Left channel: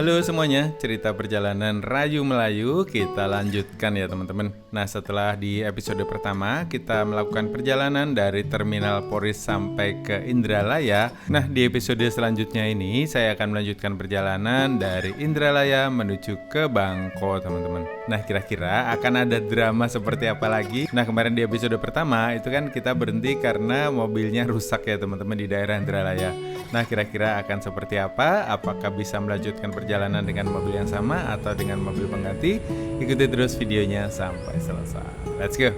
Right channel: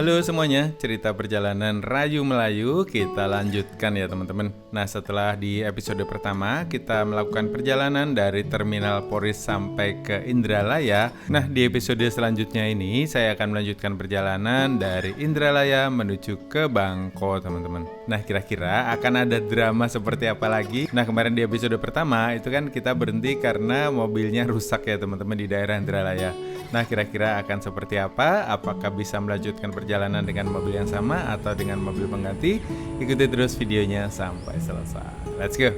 Halo semuanya, cerita perjalanan Rayu Melayu kita lanjutkan ya teman-teman. Nah, setelah di episode pertama kita melakukan perjalanan dari Terminal Poris sampai ke Indralaya. Nah, di episode selanjutnya ini saya akan melanjutkan perjalanan dari Indralaya menuju ke Bangko teman-teman. Nah, kira-kira akan ada drama seperti apa lagi? Nah, kemarin di episode pertama itu kan kita berhenti karena mobilnya rusak ya teman-teman di daerah Indralaya. Nah, kira-kira akan seperti apa? Apakah bisa melanjutkan perjalanan dengan mobil yang sama atau dengan mobil pengganti? Ikuti terus videonya sampai selesai. Let's go!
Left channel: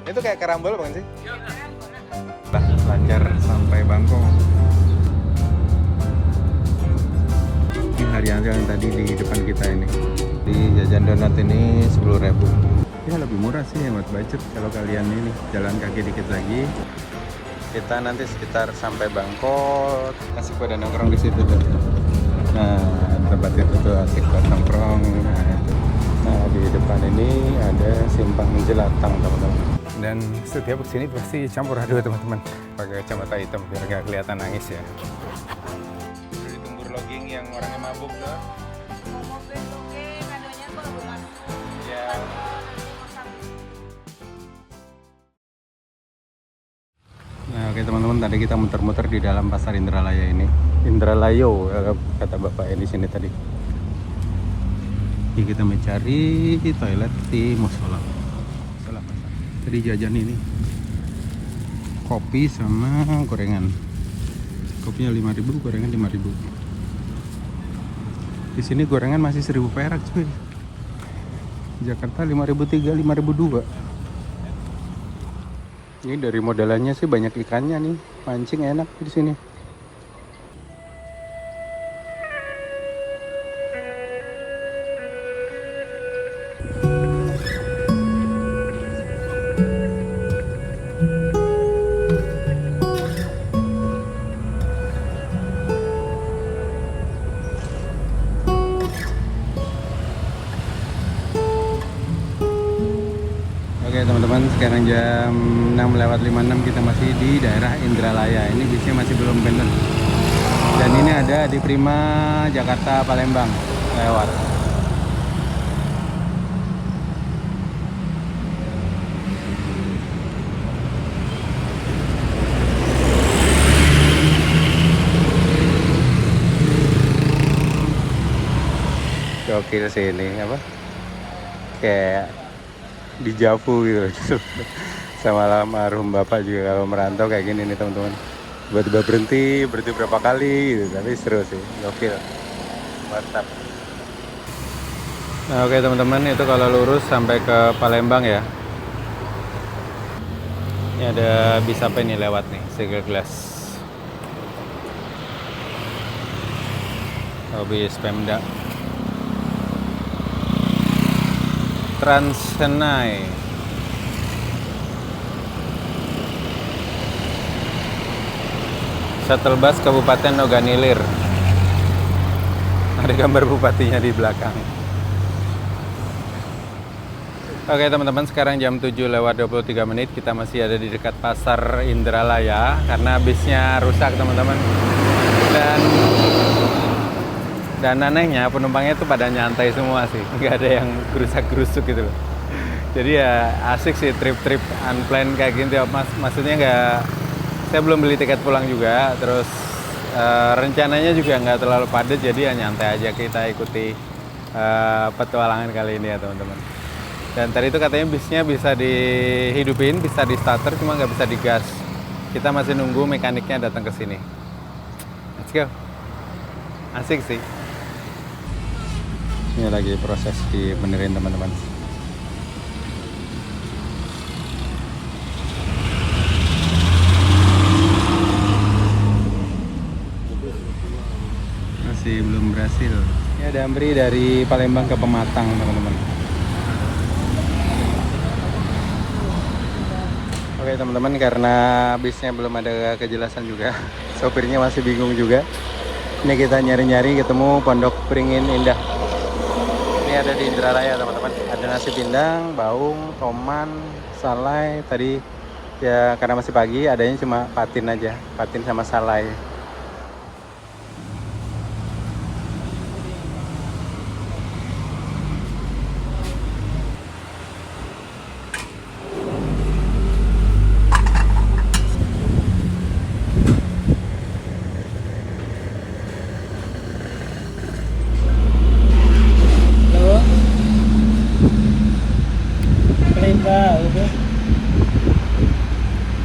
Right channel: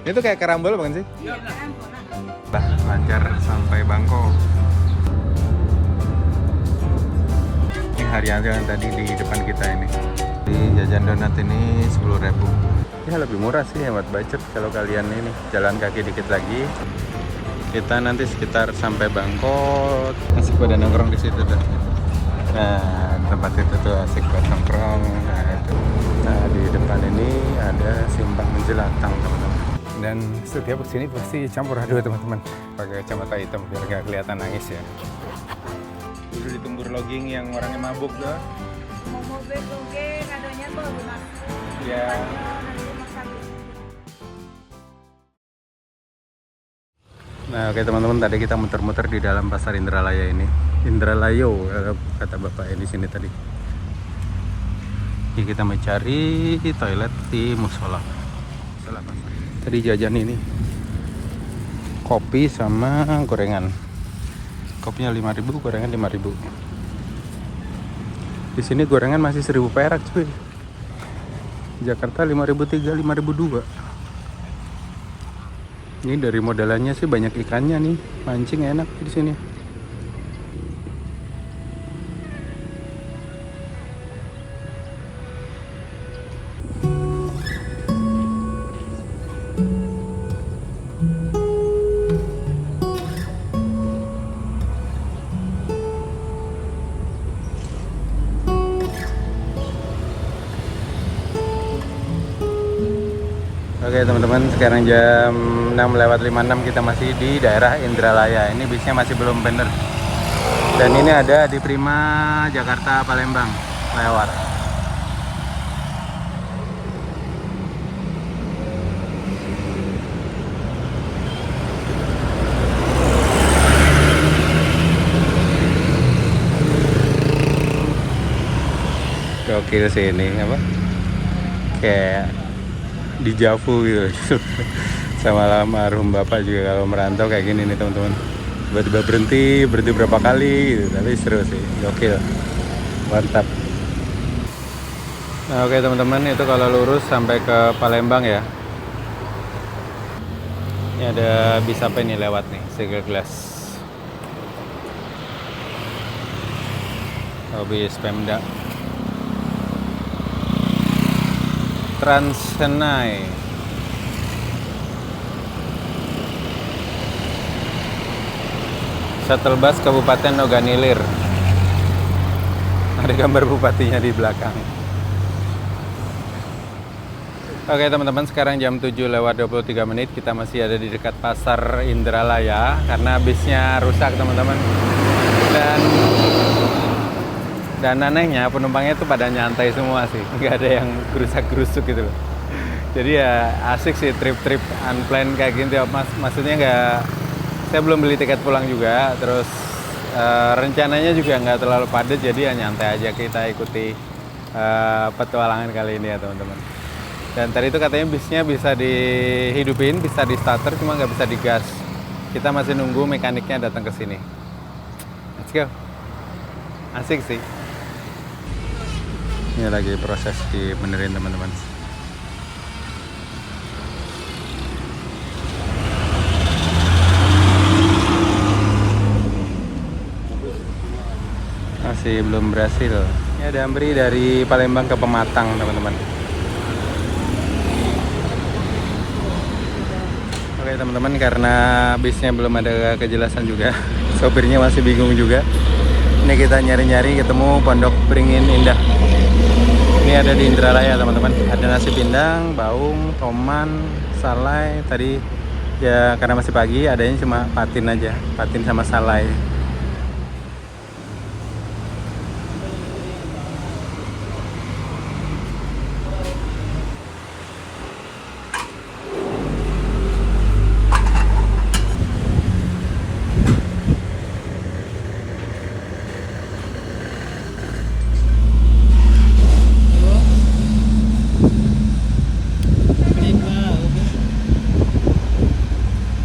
Itu kayak karambol bukan sih? Iya, karambol. Nah, Banjar sampai Bangko. Ini harian yang tadi di depan kita ini. Jajan donat ini 10.000. Ini lebih murah sih hemat budget kalau kalian ini jalan kaki dikit lagi. Kita nanti sekitar sampai Bangko. Asik pada nongkrong di situ tuh. Nah, tempatnya tuh asik buat nongkrong. Nah, di depan ini ada simpang Jelatang teman-teman. Dan setiap kesini pasti campur aduk teman-teman. Pakai kacamata hitam biar gak kelihatan nangis ya. Udah ditunggu logging yang orangnya mabuk dah. Nah, oke teman-teman, tadi kita muter-muter di dalam pasar Indralaya ini. Indralayo kata bapak di sini tadi. Ini kita mencari toilet di musola. Musola pasar. Tadi jajan ini kopi sama gorengan. Kopinya 5.000, gorengan 5.000. Di sini gorengan masih 1.000 perak cuy. Jakarta 5.003, 5.002. Ini dari modelannya sih banyak ikannya nih, mancing enak di sini. Oke teman-teman, sekarang jam 6:56 kita masih di daerah Indralaya. Ini bisnya masih belum bener. Dan ini ada di Prima Jakarta Palembang lewat. Gokil sih ini apa? Kayak di Javu gitu. Sama almarhum bapak juga kalau merantau kayak gini nih teman-teman. Tiba-tiba berhenti berapa kali gitu, tapi seru sih, gokil, mantap. Nah, oke teman-teman, itu kalau lurus sampai ke Palembang ya. Ini ada bis apa ini lewat nih, Single Glass. Oh, bis Pemda. Trans-Senai. Shuttle bus Kabupaten Oganilir. Ada gambar bupatinya di belakang. Oke teman-teman, sekarang jam 7:23 kita masih ada di dekat pasar Indralaya karena bisnya rusak teman-teman. Dan anehnya penumpangnya itu pada nyantai semua sih, nggak ada yang gerusak-gerusuk gitu loh. Jadi ya asik sih trip-trip unplanned kayak gini. Maksudnya nggak, saya belum beli tiket pulang juga, terus rencananya juga nggak terlalu padat, jadi ya nyantai aja kita ikuti petualangan kali ini ya teman-teman. Dan tadi itu katanya bisnya bisa dihidupin, bisa di starter, cuma nggak bisa digas. Kita masih nunggu mekaniknya datang ke sini. Let's go. Asik sih. Ini lagi proses dibenerin teman-teman. Masih belum berhasil. Ini ada Ambri dari Palembang ke Pematang teman-teman. Oke teman-teman, karena bisnya belum ada kejelasan juga, sopirnya masih bingung juga. Ini kita nyari-nyari ketemu Pondok Beringin Indah. Ini ada di Indralaya teman-teman. Ada nasi pindang, baung, toman, salai. Tadi ya karena masih pagi adanya cuma patin aja, patin sama salai.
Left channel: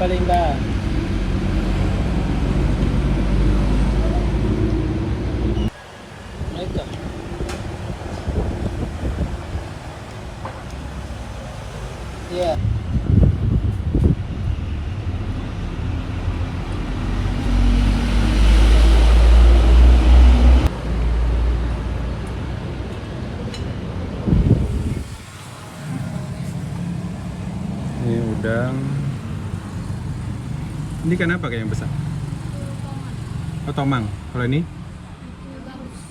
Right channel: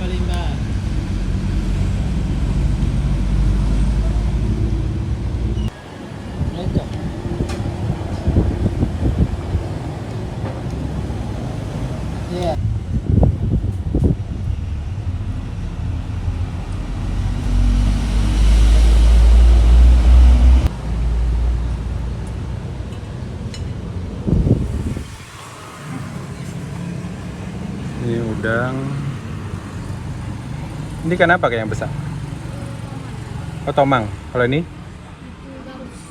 Palimba. Ito. Yeah. Ini udang. Ini kan apa kayak yang besar? Oh, tomang. Kalau ini?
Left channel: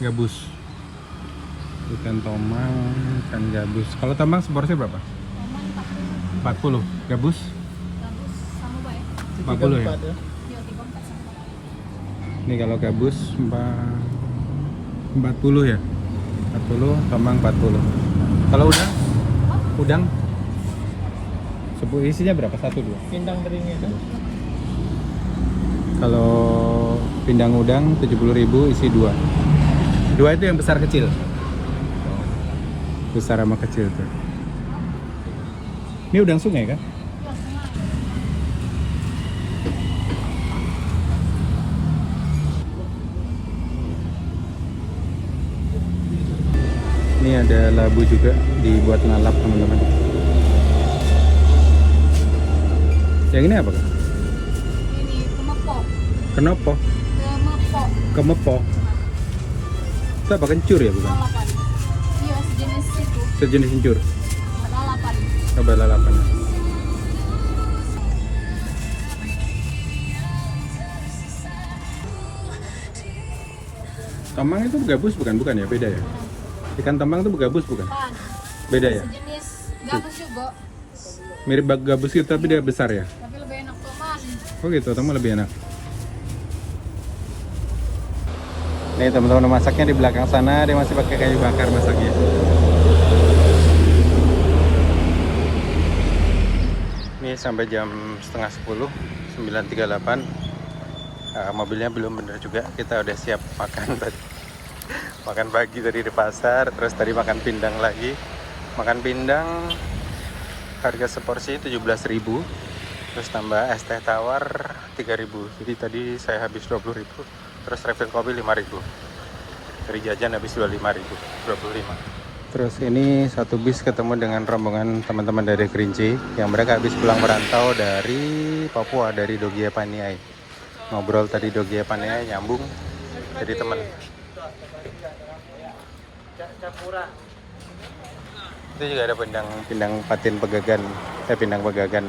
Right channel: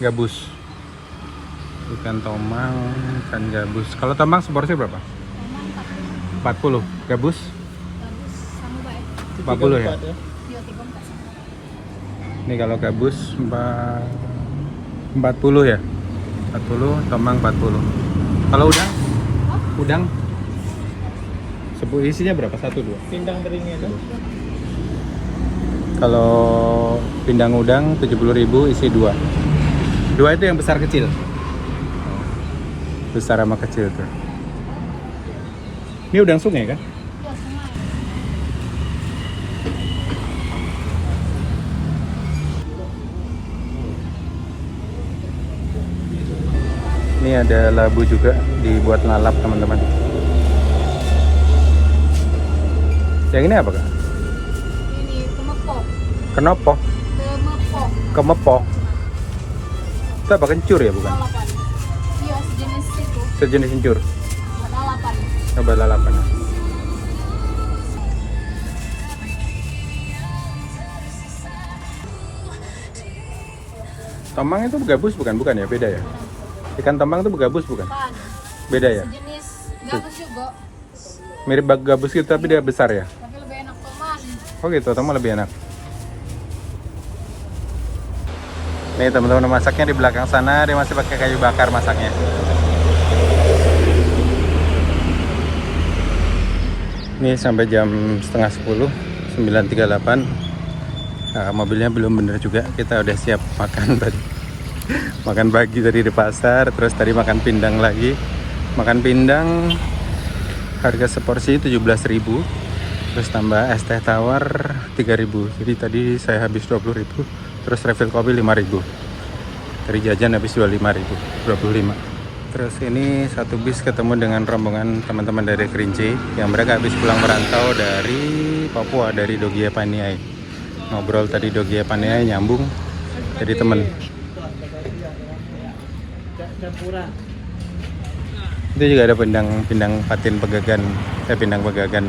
Gabus. Ikan tomang, ikan gabus. Kalau tomang seporsi berapa? 40. Gabus? 40 ya? Ini kalau gabus 40 ya? 40, tomang 40. Kalau udang? Udang? Isinya berapa? 1, 2? Pindang beringnya itu. Kalau pindang udang 70.000 isi 2. 2 itu yang besar kecil. Besar sama kecil tuh. Ini udang sungai kan? Ini ada labu juga dibuat lalap teman-teman. Yang ini apa? Ini kemepok. Kenapa? Kemepok. Kemepok. Itu apa, kencur ya bukan? Lalapan. Iya, sejenis itu. Sejenis kencur. Lalapan. Coba lalapan. Tomang itu gabus bukan? Bukan ya? Beda ya? Ikan tomang itu gabus bukan? Pan. Beda ya? Sejenis gabus juga. Mirip gabus gitu tapi dia besar ya? Tapi lebih enak teman. Oh gitu, tomang lebih enak. Nih teman-teman masaknya di belakang sana, dia masih pakai kayu bakar masaknya. Ini sampai jam setengah 10, 9.38. Nah, mobilnya belum bener juga, kita udah siap makan tadi. Makan pagi tadi di pasar, terus tadi makan pindang lagi. Makan pindang harga seporsi 17.000, terus tambah es teh tawar 3.000. Jadi tadi saya habis 20.000, terus refill kopi 5.000. Dari jajan habis 25.000, 25. Terus ini satu bis ketemu dengan rombongan teman-teman dari Kerinci yang mereka habis pulang merantau dari Papua, dari Dogia Paniai. Ngobrol tadi Dogia Paniai nyambung jadi temen. Itu juga ada pindang patin pegagan, pindang pegagan.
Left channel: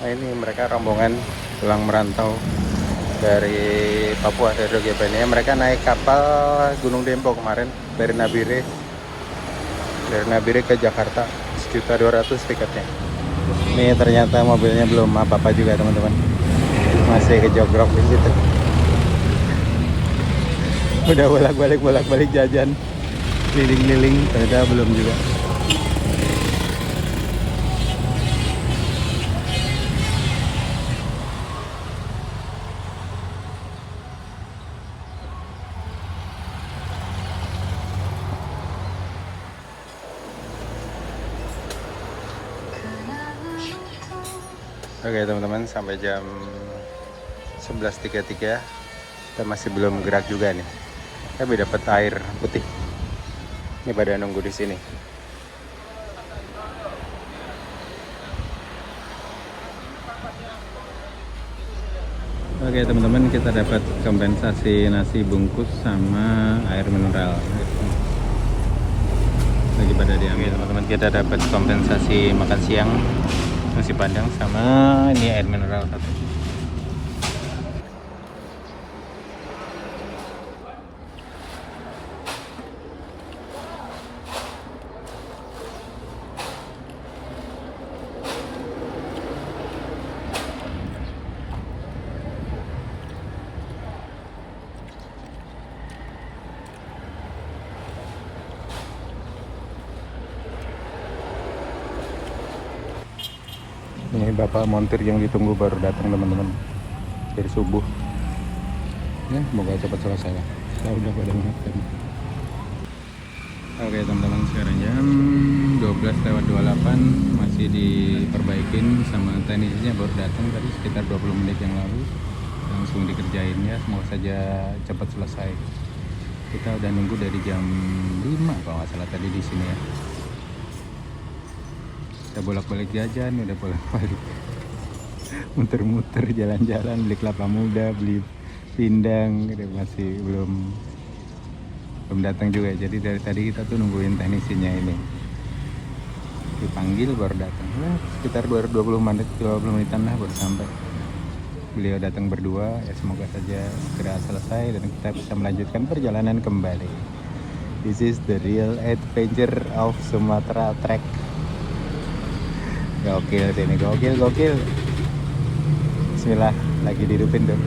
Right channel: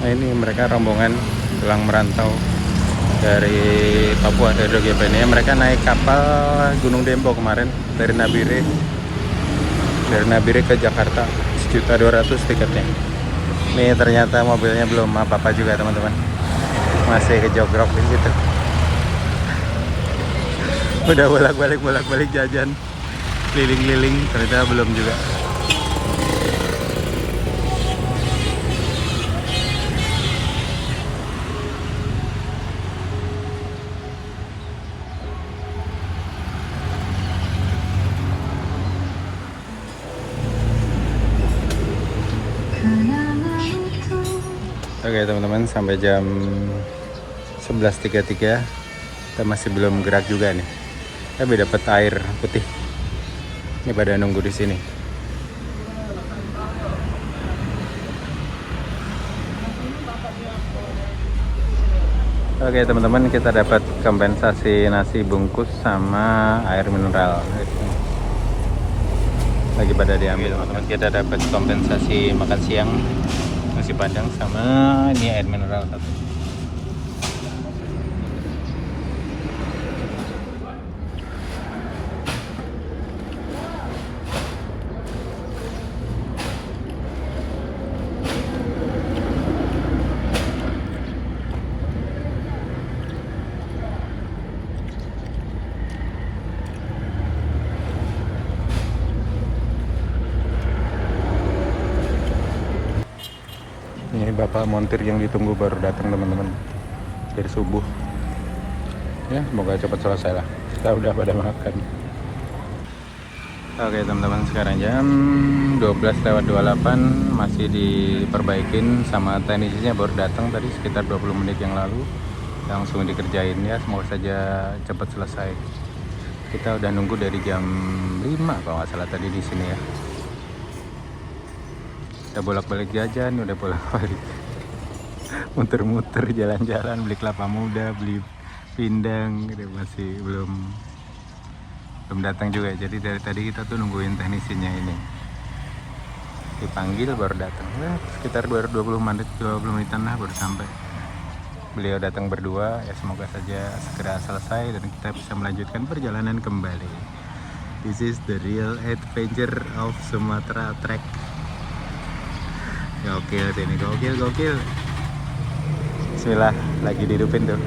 Nah ini mereka rombongan pulang merantau dari Papua, dari Dogia Paniai. Mereka naik kapal Gunung Dempo kemarin dari Nabire. Dari Nabire ke Jakarta, 1.200.000 tiketnya. Ini ternyata mobilnya belum apa-apa juga teman-teman, masih kejogrok di situ. Udah bolak-balik jajan, keliling-keliling, ternyata belum juga. Oke teman-teman, sampai jam 11.33 kita masih belum gerak juga nih. Tapi dapat air putih. Ini pada nunggu di sini. Oke teman-teman, kita dapat kompensasi nasi bungkus sama air mineral. Lagi pada diambil makan, kita dapat kompensasi makan siang. Oh, ini air mineral. khawatir yang ditunggu baru datang teman-teman dari subuh. Ya semoga cepat selesai lah, kita udah pada makan. Oke teman-teman, sekarang jam 12:28 masih diperbaikin sama teknisnya, baru datang tadi sekitar 20 menit yang lalu, langsung dikerjain ya, semoga saja cepat selesai. Kita udah nunggu dari jam 5 kalau nggak salah tadi di sini ya. Udah bolak-balik jajan, udah bolak-balik muter-muter jalan-jalan, beli kelapa muda, beli pindang gitu, masih belum datang juga. Jadi dari tadi kita tuh nungguin teknisinya ini, dipanggil baru datang. Nah, sekitar baru 20 menitan lah baru sampai. Beliau datang berdua, ya semoga saja segera selesai dan kita bisa melanjutkan perjalanan kembali. This is the real adventure of Sumatra Trek. Gokil ini, gokil. Bismillah, lagi dihidupin tuh.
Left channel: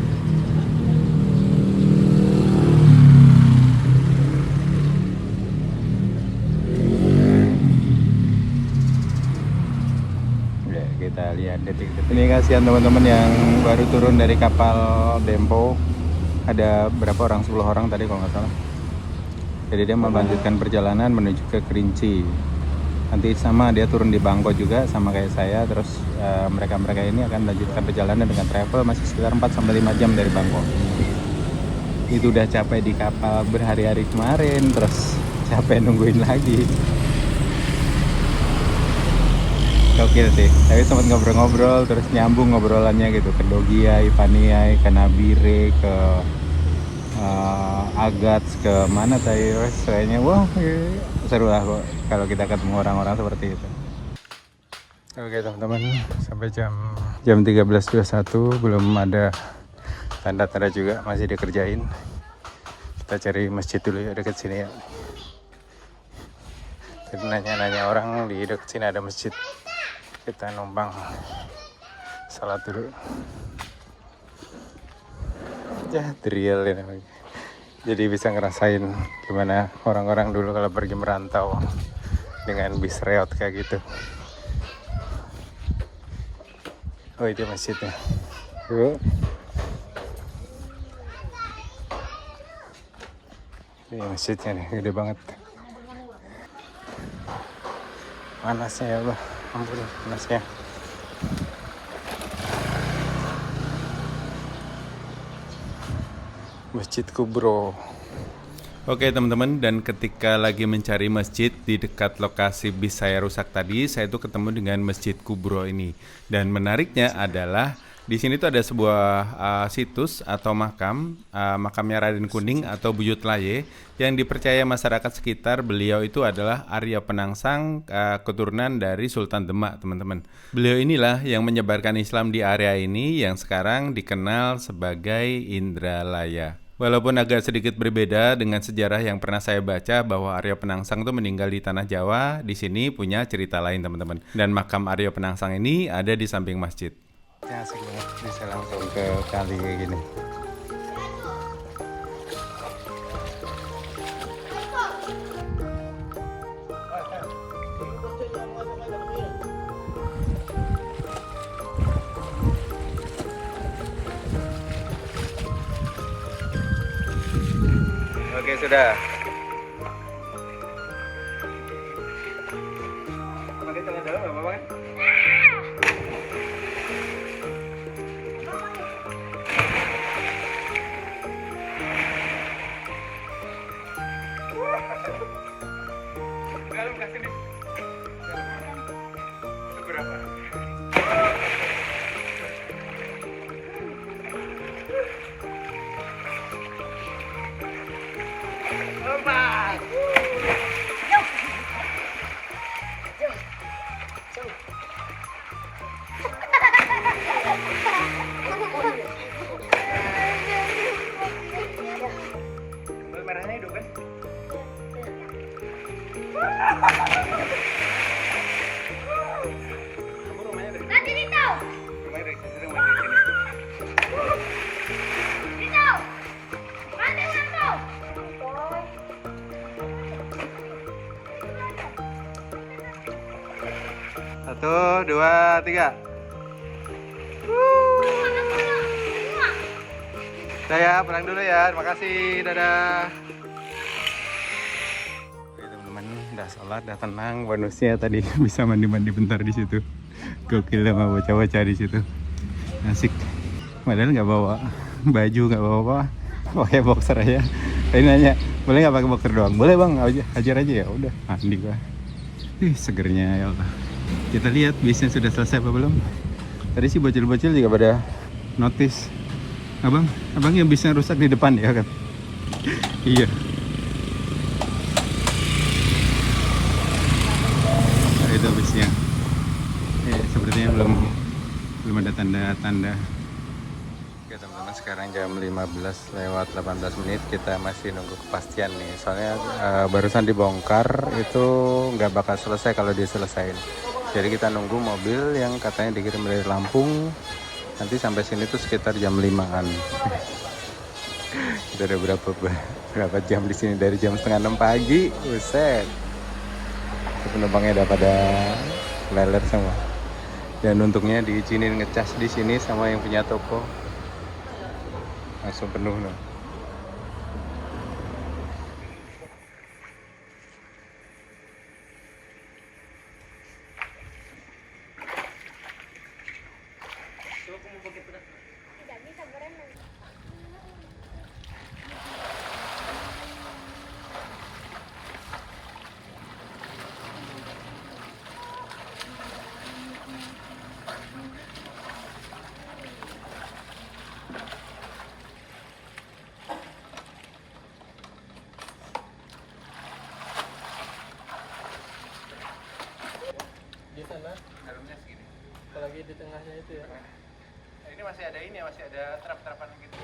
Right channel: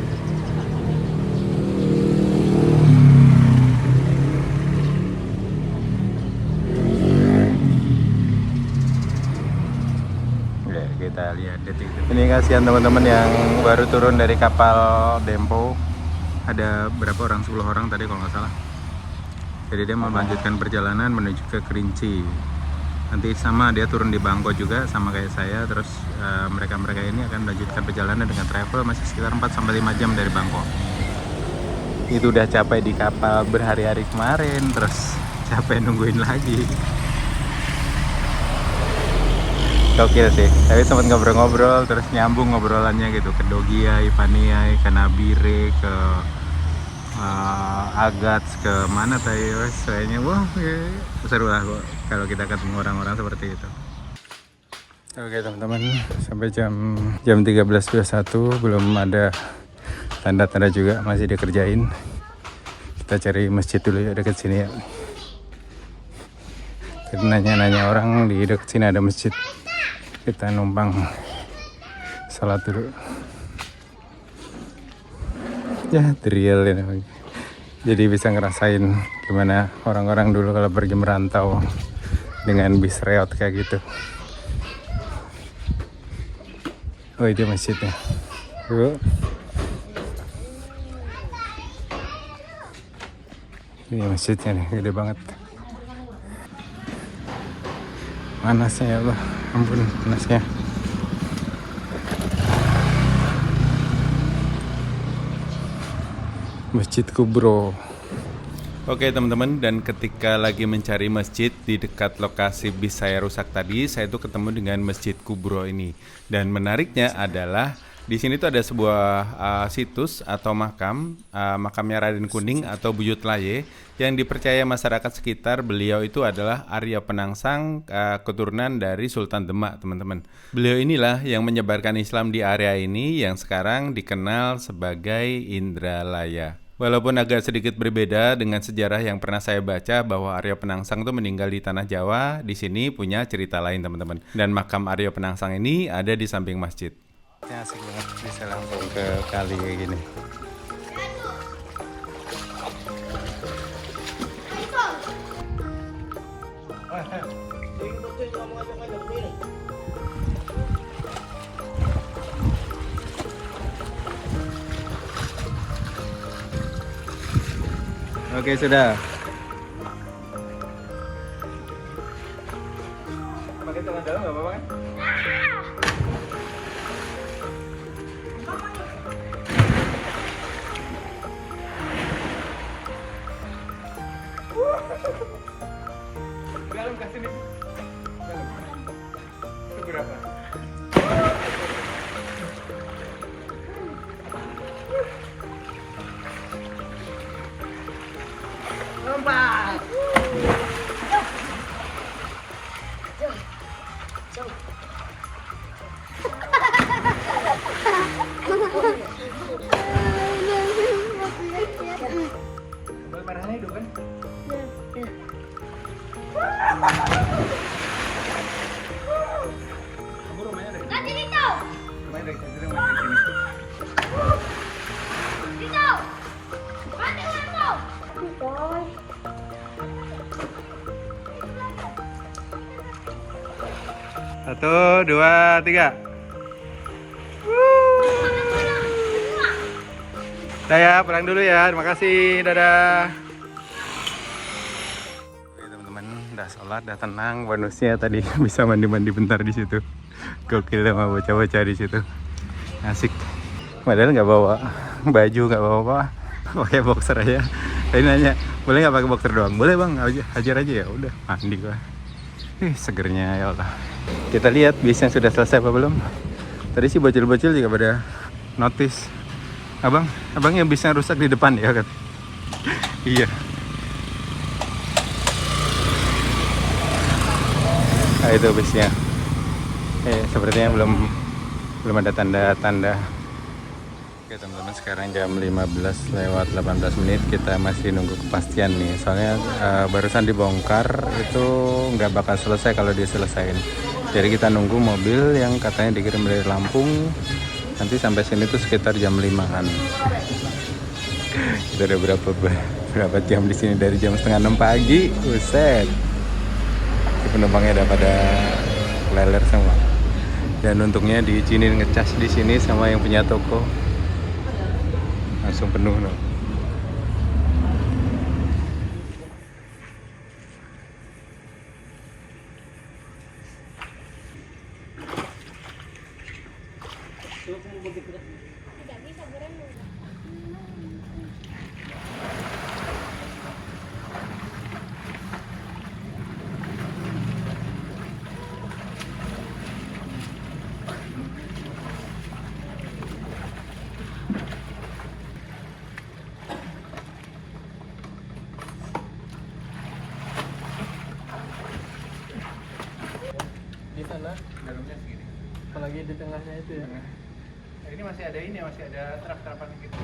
Ini kasihan teman-teman yang baru turun dari kapal Dempo. Ada berapa orang? 10 orang tadi kalau nggak salah. Jadi dia mau melanjutkan perjalanan menuju ke Kerinci. Nanti sama dia turun di Bangko juga sama kayak saya. Terus mereka ini akan melanjutkan perjalanan dengan travel masih sekitar 4-5 jam dari Bangko. Itu udah capek di kapal berhari-hari kemarin, terus capek nungguin lagi. Gokil sih, tapi sempat ngobrol-ngobrol, terus nyambung ngobrolannya gitu ke Dogia, Ipaniai, ke Nabire, ke Agats, ke mana tadi, kayaknya wah seru lah kok kalau kita ketemu orang-orang seperti itu. Oke teman-teman, sampai jam 13.21 belum ada tanda-tanda juga, masih dikerjain. Kita cari masjid dulu ya dekat sini ya. Kita nanya-nanya orang di dekat sini ada masjid. Kita numpang salat dulu. Ya, real ini. Jadi bisa ngerasain gimana orang-orang dulu kalau pergi merantau dengan bis reot kayak gitu. Oh, itu masjidnya. Ini masjidnya nih, gede banget. Panasnya ya Allah, ampun panasnya. Masjid Kubro. Oke teman-teman, dan ketika lagi mencari masjid di dekat lokasi bis saya rusak tadi, saya tuh ketemu dengan Masjid Kubro ini. Dan menariknya adalah di sini tuh ada sebuah situs atau makamnya Raden Kuning atau Buyut Laye yang dipercaya masyarakat sekitar. Beliau itu adalah Arya Penangsang, keturunan dari Sultan Demak, teman-teman. Beliau inilah yang menyebarkan Islam di area ini yang sekarang dikenal sebagai Indralaya. Walaupun agak sedikit berbeda dengan sejarah yang pernah saya baca bahwa Arya Penangsang itu meninggal di tanah Jawa, di sini punya cerita lain teman-teman. Dan makam Arya Penangsang ini ada di samping masjid. Ya, asik banget, bisa langsung ke kali kayak gini. Oke, sudah. Satu, dua, tiga. Saya pulang dulu ya. Terima kasih. Dadah. Oke teman-teman, udah sholat, udah tenang. Bonusnya tadi bisa mandi-mandi bentar di situ. Gokil sama bocah-bocah di situ. Asik. Padahal nggak bawa baju, nggak bawa apa. Pakai boxer aja. Tadi nanya, boleh nggak pakai boxer doang? Boleh bang, hajar aja ya. Udah mandi gua. Segernya ya Allah. Kita lihat bisnya sudah selesai apa belum. Tadi sih bocil-bocil juga pada notice. Abang yang bisnya rusak di depan ya kan? Iya. Nah, itu bisnya. Sepertinya belum ada tanda-tanda. Oke teman-teman, sekarang jam 15:18 kita masih nunggu kepastian nih. Soalnya barusan dibongkar, itu nggak bakal selesai kalau diselesain. Jadi kita nunggu mobil yang katanya dikirim dari Lampung. Nanti sampai sini tuh sekitar jam 5-an. Kita udah berapa jam di sini, dari jam 5:30 pagi. Buset. Penumpangnya udah pada lelet semua. Dan untungnya diizinin ngecas di sini sama yang punya toko. Langsung penuh loh. Dalamnya segini. Apalagi di tengahnya itu ya. Ini masih ada trap-trapan gitu.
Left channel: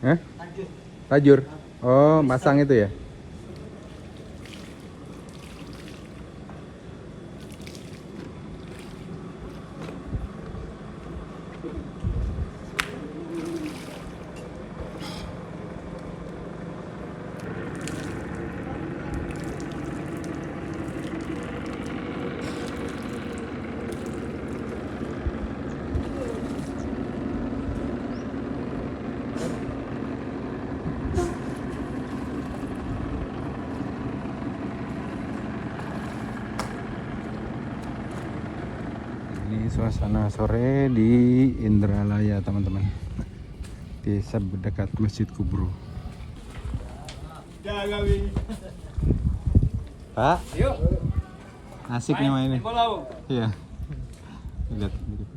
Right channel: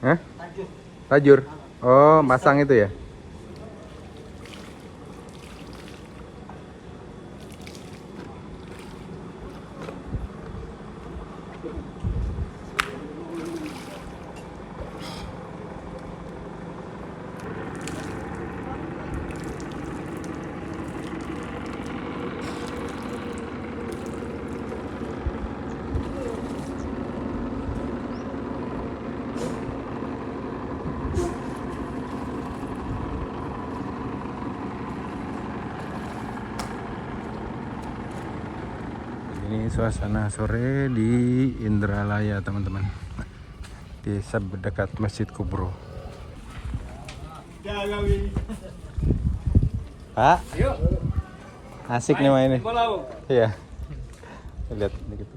Hah? Tajur. Oh, masang itu ya? Ini suasana sore di Indralaya teman-teman, desa dekat Masjid Kubro. Pak, asik nih mainnya. Iya. Lihat dikit.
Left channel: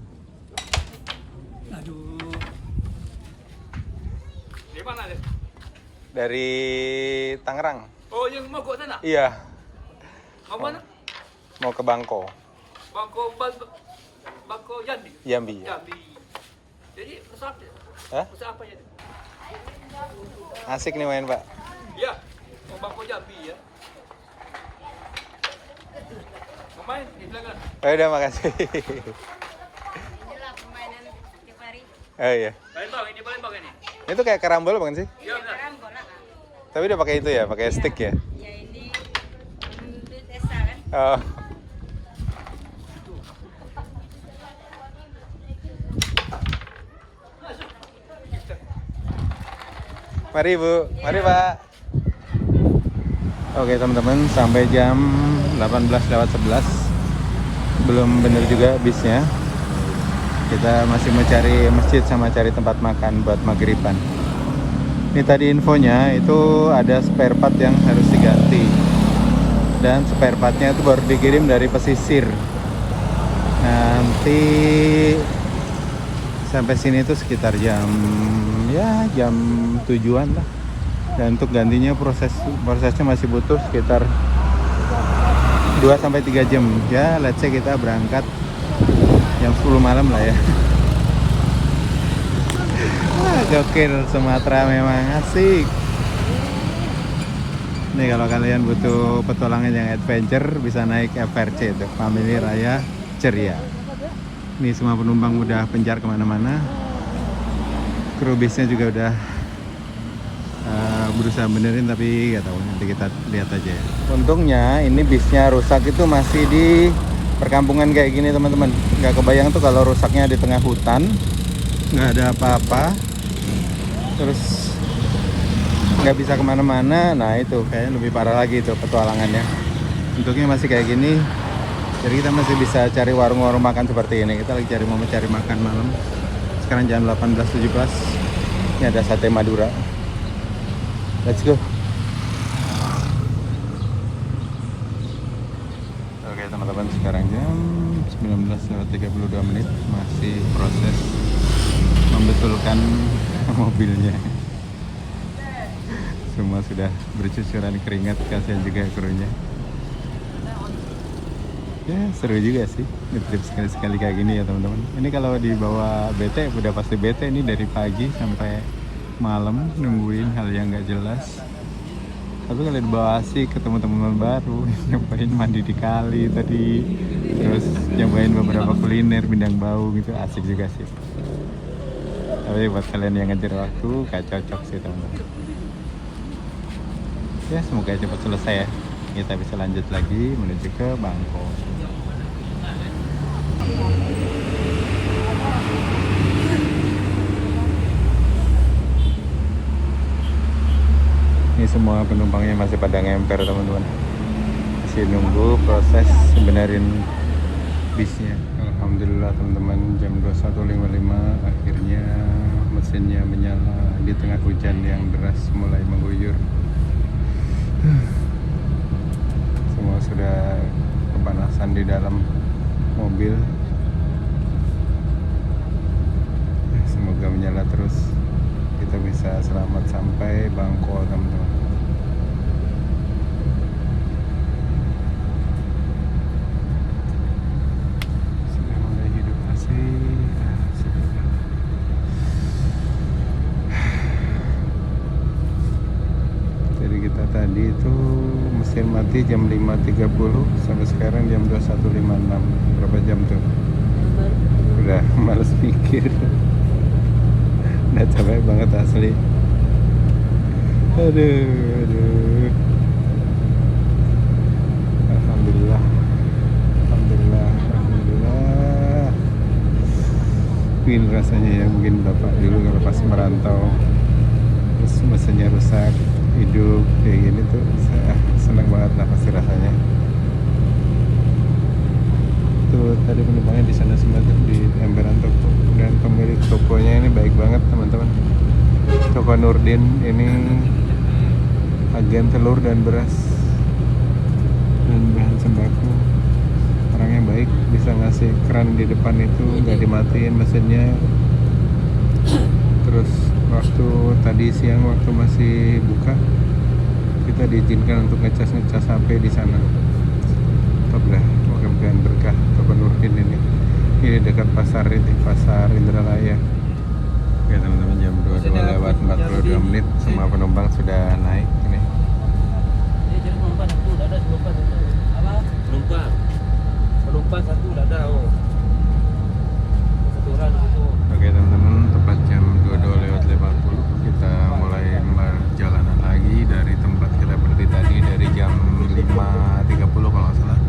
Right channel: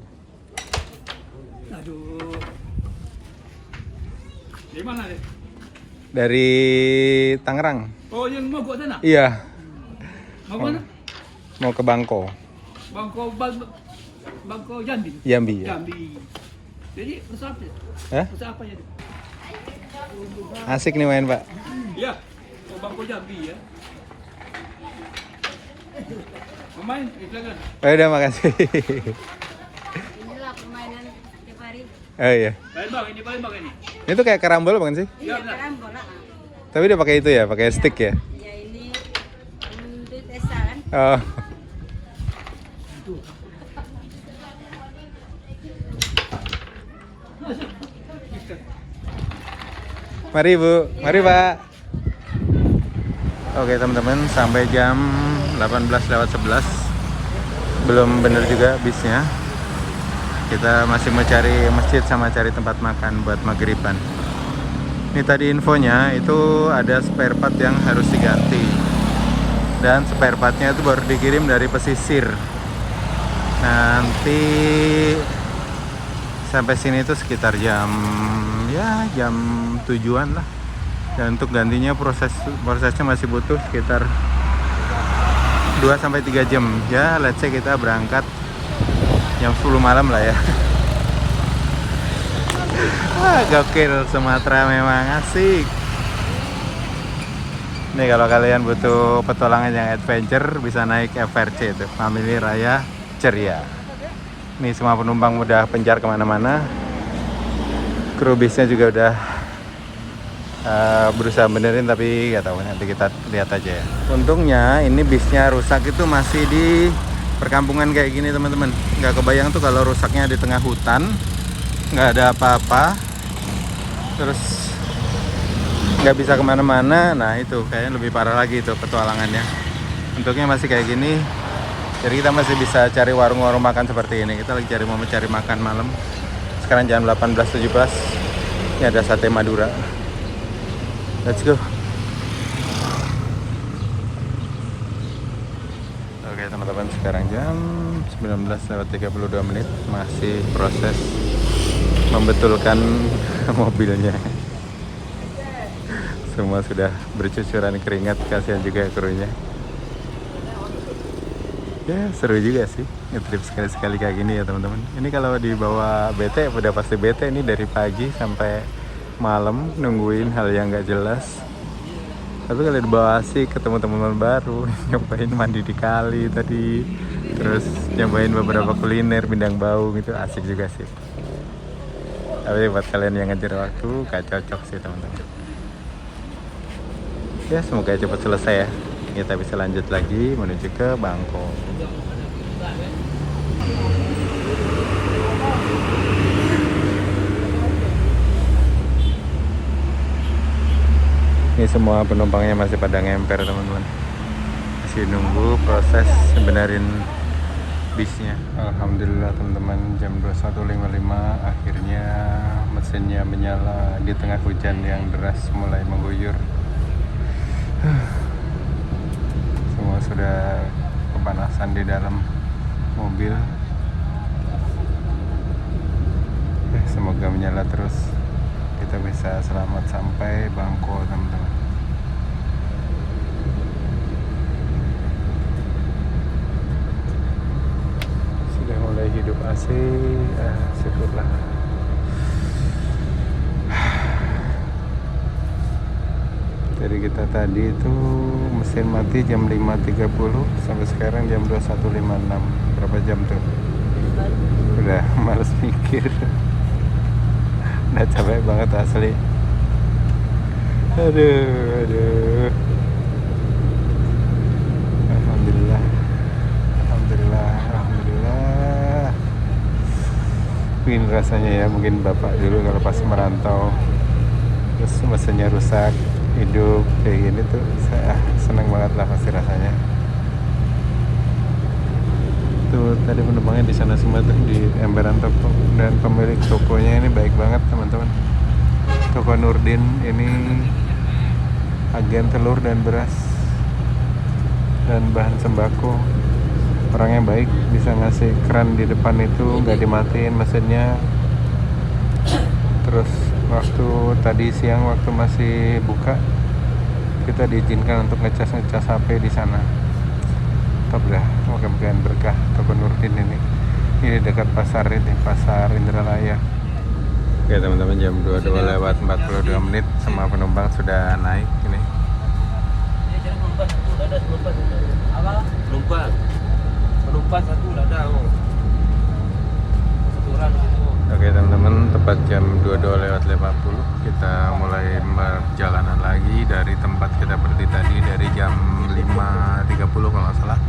Aduh. Di mana nih? Dari Tangerang. Oh, yang mau buat sana? Iya. Mau mana? Mau ke Bangko. Bangko Jambi. Jambi ya. Jambi. Jadi pesawat ya? Hah? Pesawat apa ya? Asik nih main Pak. Iya. Oh, Bangko Jambi ya. Pemain, silakan. Oh, udah makasih. Inilah permainan tiap hari. Oh iya. Palembang ini. Ini tuh kayak karambol bukan sih? Iya, karambol lah. Tapi dia pakai itu ya, pakai stick ya. Ya ini duit esa kan. Oh. Mari Bu, mari Pak. Oke teman-teman, sampai jam 18:11. Belum benar juga bisnya. Kita masih mencari masjid sama cari tempat makan buat maghriban. Ini tadi infonya itu ada spare part yang harus diganti. Dan spare partnya itu baru dikirim dari pesisir. Nanti sampai sini itu sekitar jam 7-an lah. Dan untuk gantinya prosesnya masih butuh sekitar 2-3 jam. Ya, let's say kita berangkat jam 10 malam lah ya. Gokil, Sumatera memang asik. Ini kalau kalian butuh petualangan yang adventure bisa naik FRC itu, Family Raya Ceria. Ini semua penumpang udah penjar kemana-mana. Kru bisnya juga udah berusaha benerin, tapi nggak tahu, nanti kita lihat aja ya. Untungnya ini bisnya rusak itu masih di perkampungan kayak gini teman-teman. Nggak kebayang tuh kalau rusaknya di tengah hutan, nggak ada apa-apa, terus nggak bisa kemana-mana. Nah itu kayaknya lebih parah lagi itu petualangannya. Bentuknya masih kayak gini, jadi kita masih bisa cari warung-warung makan seperti ini. Kita lagi mau mencari makan malam. Sekarang jam 18:17. Ini ada sate Madura. Let's go. Oke teman-teman, sekarang jam 19:32. Masih proses membetulkan mobilnya. Semua sudah bercucuran keringat, kasihan juga krunya. Ya seru juga sih ngetrip sekali-sekali kayak gini ya teman-teman. Ini kalau dibawa bete udah pasti bete. Ini dari pagi sampai malam nungguin hal yang nggak jelas. Tapi kalau dibawa asik, ketemu teman-teman baru, nyobain mandi di kali tadi, terus nyobain beberapa kuliner Mindang Bau gitu, asik juga sih. Tapi buat kalian yang ngejar waktu gak cocok sih teman-teman. Ya semoga cepat selesai ya, kita bisa lanjut lagi menuju ke Bangkok. Ini semua penumpangnya masih pada ngemper teman-teman, masih nunggu proses benerin bisnya. Alhamdulillah teman-teman, jam 21.55 akhirnya mesinnya menyala di tengah hujan yang deras mulai mengguyur. Semua sudah kepanasan di dalam mobil. Semoga menyala terus, kita bisa selamat sampai Bangkok teman-teman. Sudah mulai hidup asik, syukurlah. Jadi kita tadi itu mesin mati jam 5.30 sampai sekarang jam 21.56. Berapa jam tuh? Udah males mikir. Udah capek banget asli. Aduh. Alhamdulillah. Pin rasanya ya, mungkin bapak dulu kalau pas merantau terus mesinnya rusak, hidup kayak gini tuh, saya seneng banget lah pasti rasanya. Tuh tadi penumpangnya di sana semua tuh di emperan toko, dan pemilik tokonya ini baik banget teman-teman. Toko Nurdin ini agen telur dan beras dan bahan sembako. Orangnya baik, bisa ngasih keran di depan itu nggak dimatiin mesinnya. Terus waktu tadi siang waktu masih buka, kita diizinkan untuk ngecas HP di sana. Top dah, mudah-mudahan berkah toko Nurdin ini. Ini dekat pasar ini, pasar Indralaya. Oke teman-teman, jam 22:42, semua penumpang sudah naik ini. Penumpang. Penumpang satu dah dah. Oke teman-teman, tepat jam 22:50 kita mulai perjalanan lagi dari tempat kita berhenti tadi dari jam 5.30 kalau nggak salah.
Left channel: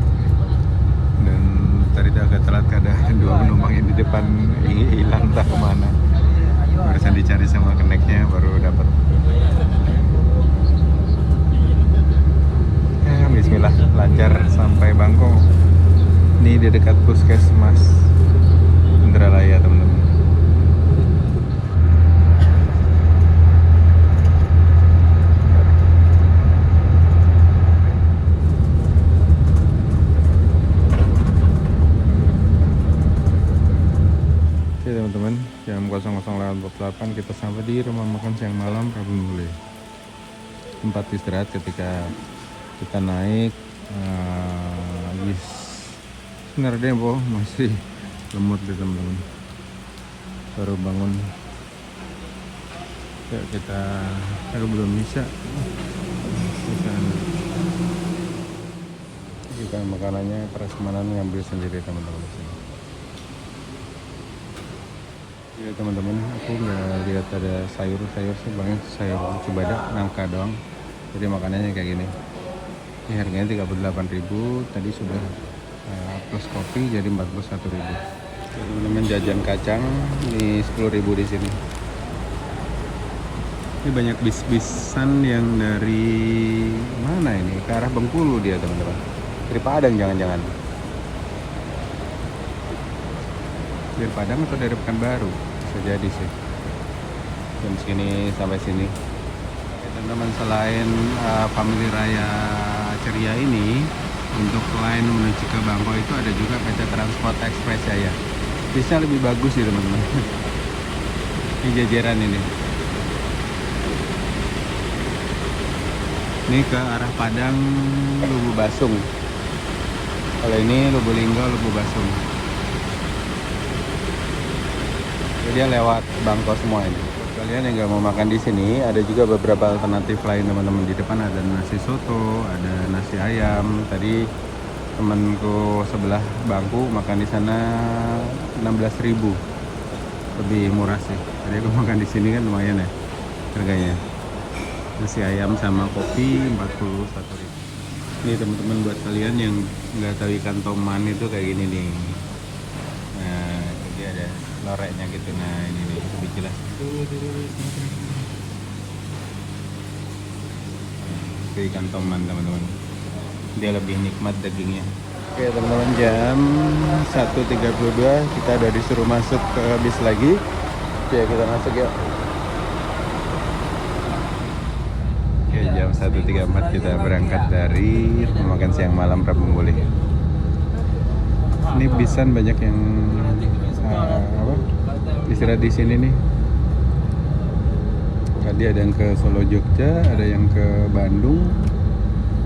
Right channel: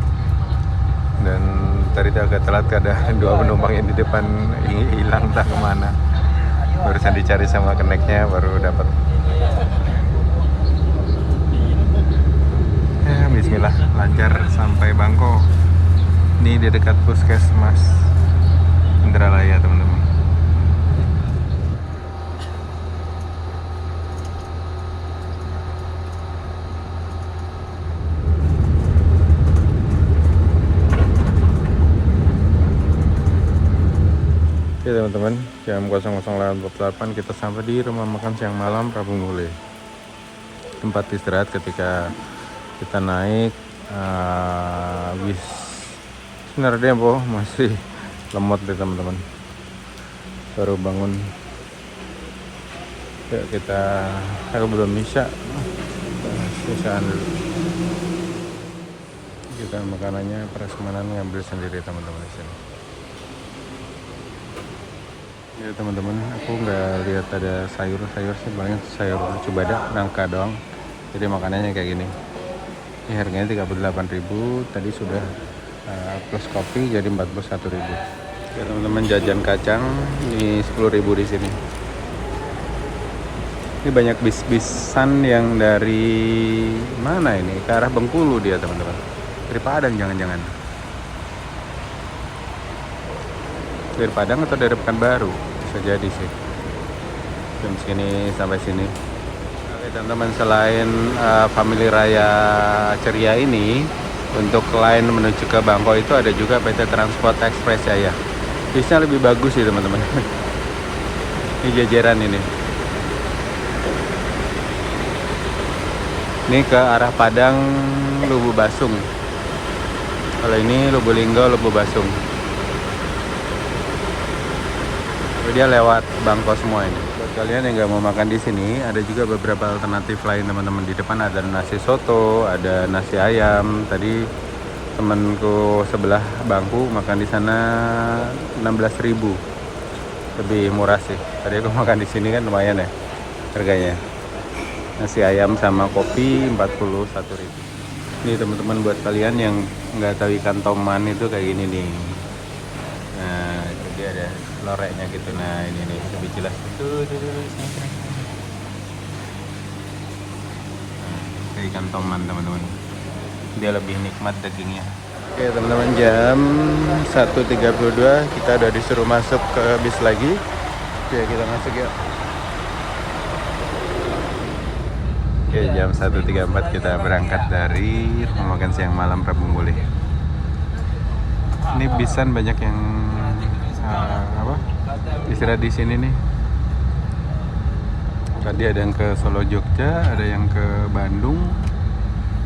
Dan tadi agak telat karena dua penumpang yang di depan hilang entah kemana. Barusan dicari sama keneknya baru dapat. Bismillah, lancar sampai Bangkok. Ini di dekat Puskesmas Indralaya teman-teman. Oke teman-teman, jam 00.48 kita sampai di rumah makan siang malam Prabu Mule. Tempat istirahat ketika kita naik bis. Sebenarnya masih lemot deh teman-teman. Baru bangun. Ya, aku belum bisa. Bisaan dulu. Kita makanannya prasmanan ngambil sendiri teman-teman. Ya teman-teman, aku nggak lihat ada sayur sih, paling sayur cubada nangka doang. Jadi makanannya kayak gini. Ini harganya 38.000, tadi sudah plus kopi jadi 41.000. Ya teman-teman, jajan kacang di 10.000 di sini. Ini banyak bis-bisan yang dari mana ini? Ke arah Bengkulu dia teman-teman. Dari Padang jangan-jangan. Dari Padang atau dari Pekanbaru? Bisa jadi sih. Dari sini sampai sini. Oke teman-teman, selain Family Raya Ceria ini, untuk lain menuju ke Bangkok itu ada juga PT Transport Express ya. Bisnya lebih bagus sih teman-teman. Ini jajaran ini. Ini ke arah Padang, Lubu Basung. Kalau ini Lubulinggo, Lubu Basung. Dia lewat Bangkok semua ini. Kalian yang nggak mau makan di sini, ada juga beberapa alternatif lain teman-teman. Di depan ada nasi soto, ada nasi ayam. Tadi temanku sebelah bangku makan di sana 16.000. Lebih murah sih. Tadi aku makan di sini kan lumayan ya harganya. Nasi ayam sama kopi 41.000. Ini teman-teman, buat kalian yang nggak tahu ikan toman itu kayak gini nih. Nah, dia ada loreknya gitu. Nah, ini nih lebih jelas. Itu ikan toman teman-teman. Dia lebih nikmat dagingnya. Oke teman-teman, jam 1.32 kita udah disuruh masuk ke bis lagi. Oke, kita masuk yuk. Oke, jam 1.34 kita berangkat dari rumah makan siang malam Prabu Mule. Ini bisan banyak yang istirahat di sini nih. Tadi ada yang ke Solo Jogja, ada yang ke Bandung,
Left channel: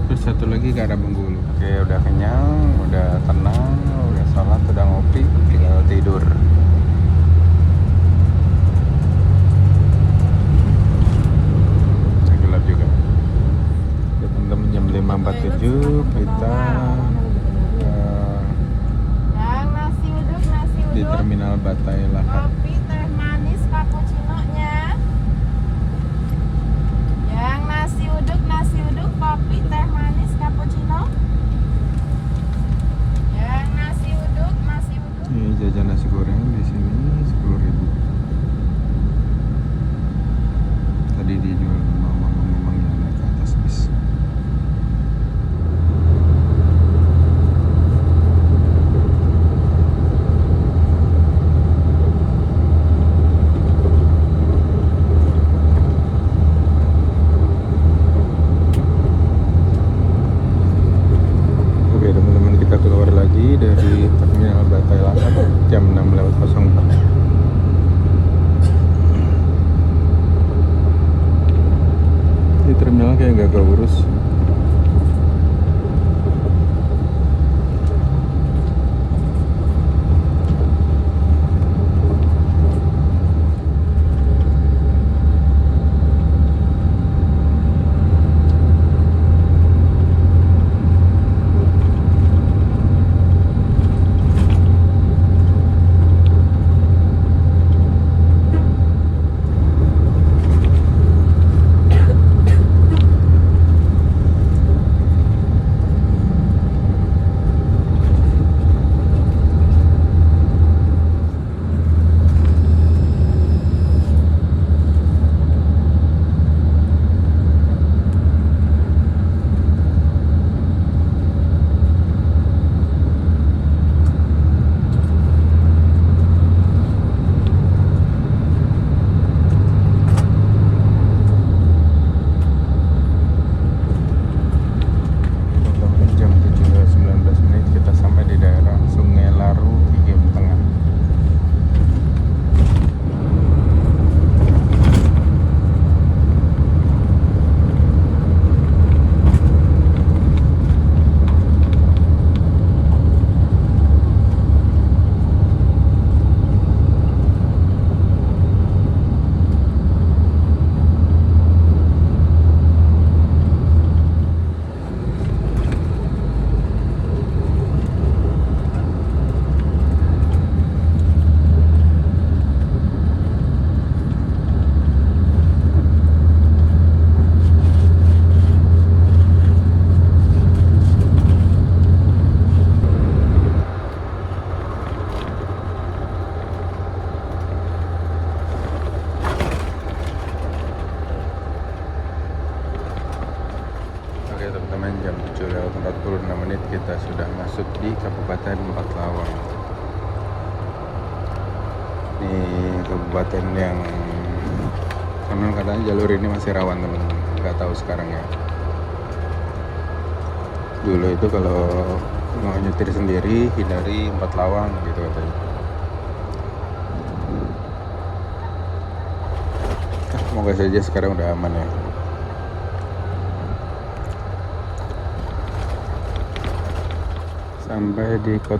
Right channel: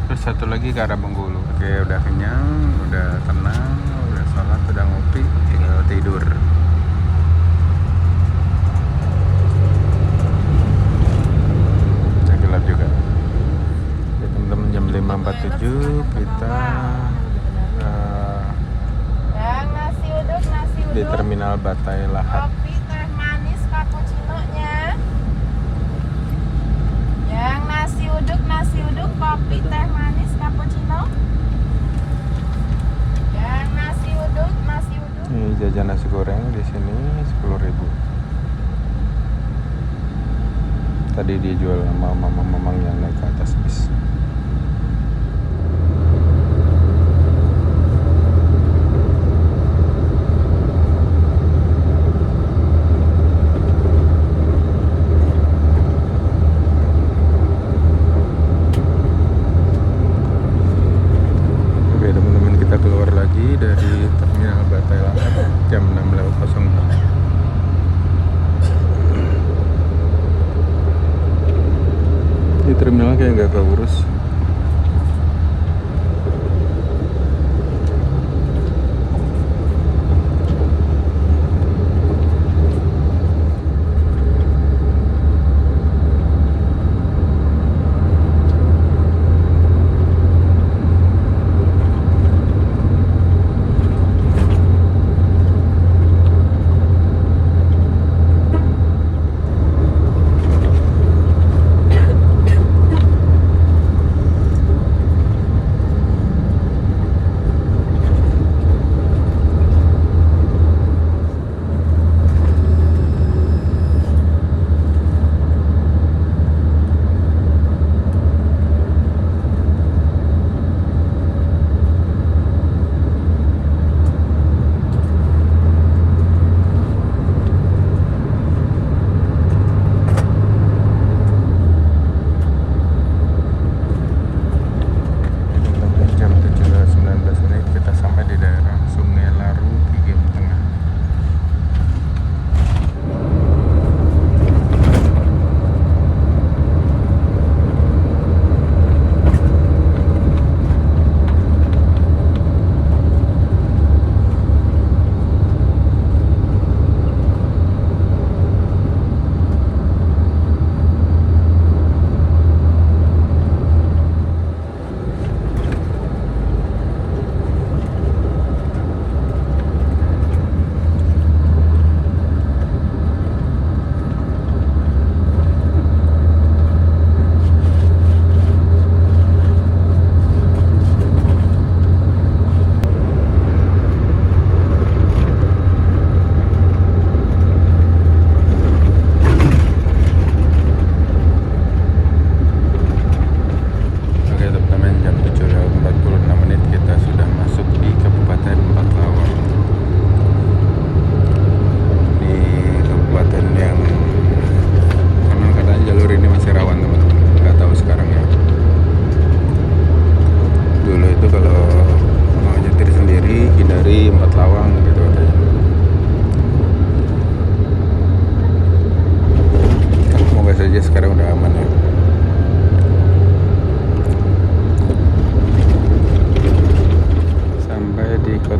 terus satu lagi ke arah Bengkulu. Oke, udah kenyang, udah tenang, udah salat, udah ngopi, tinggal tidur. Gelap juga. Jam 5.47 kita di Terminal Batai Lahat. Kopi teh manis cappuccino-nya. Yang nasi uduk, kopi teh manis cappuccino. Yang nasi uduk. Jajan nasi goreng di sini 10.000. Tadi dijual sama mamang yang naik ke atas bis.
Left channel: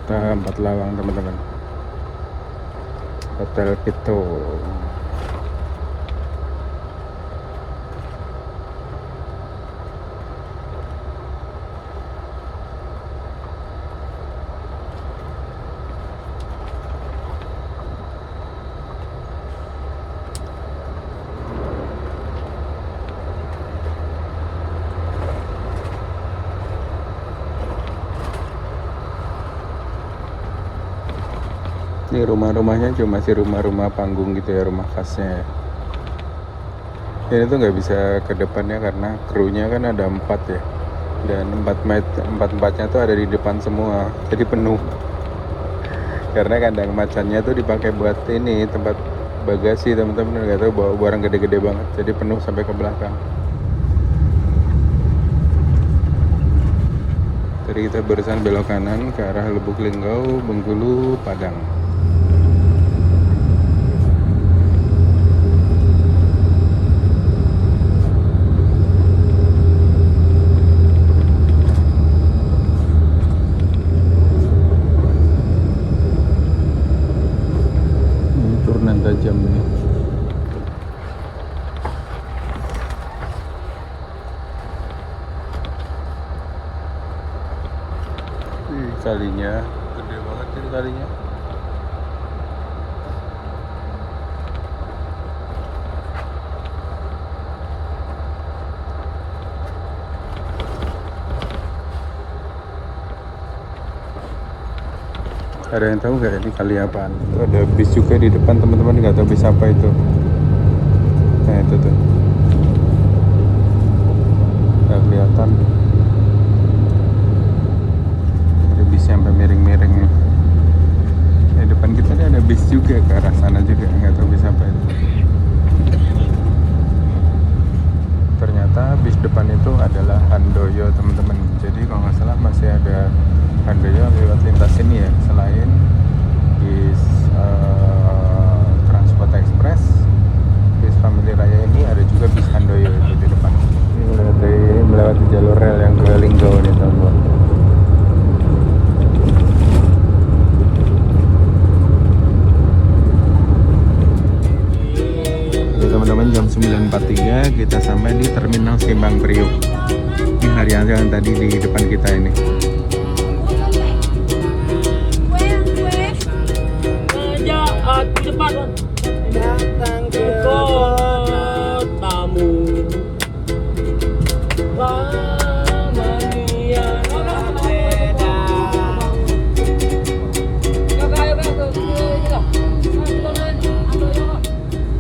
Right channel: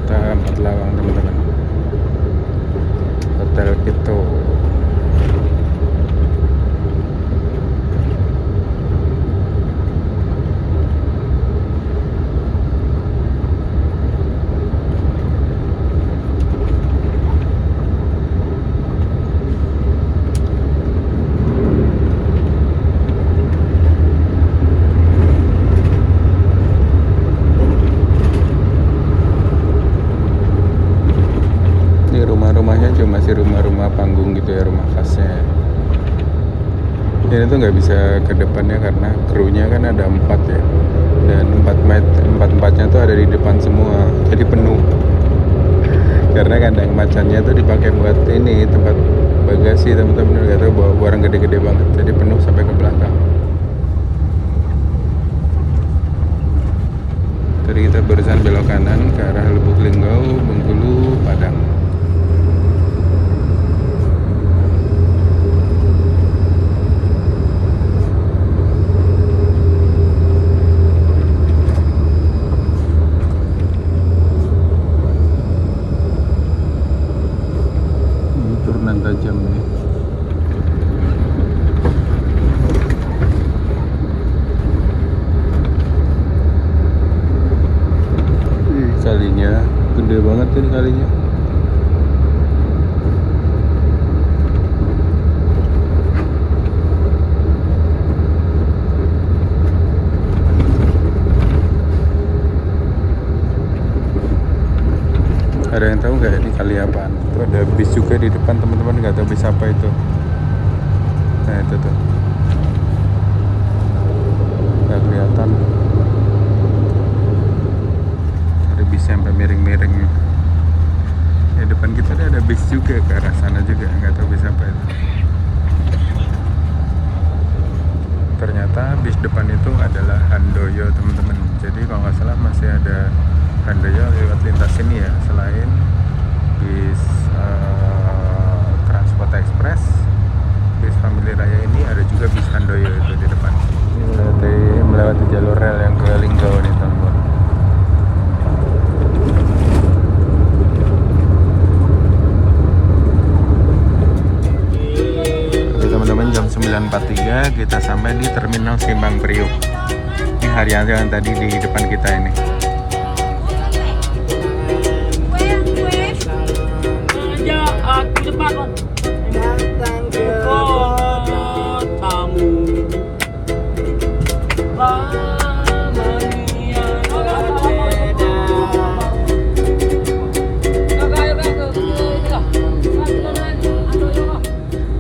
Kota 4 Lawang teman-teman. Hotel Kito. Masih rumah-rumah panggung gitu ya, rumah khasnya. Jadi itu nggak bisa ke depannya karena krunya kan ada 4 ya, dan empatnya tuh ada di depan semua, jadi penuh. Karena kandang macannya tuh dipakai buat ini tempat bagasi teman-teman, nggak tahu bawa barang gede-gede banget, jadi penuh sampai ke belakang. Tadi kita barusan belok kanan ke arah Lubuk Linggau, Bengkulu, Padang. Gede banget ini kalinya. Ada yang tahu nggak ini kali apa? Tuh ada bis juga di depan teman-teman, nggak tahu bis apa itu. Nah itu tuh. Nggak kelihatan. Ada bis sampai miring-miring itu. Di depan kita nih ada bis juga ke arah sana juga, nggak tahu bis apa itu. Ternyata bis depan itu adalah Handoyo teman-teman. Jadi kalau nggak salah masih ada Handoyo lewat lintas sini ya, selain bis Transport Express, bis Family Raya ini ada juga bis Handoyo itu di depan. Di jalur rel yang ke Linggau nih teman-teman. Teman-teman, jam 9.43 kita sampai di Terminal Simpang Priuk. Ini Haryanto yang tadi di depan kita ini.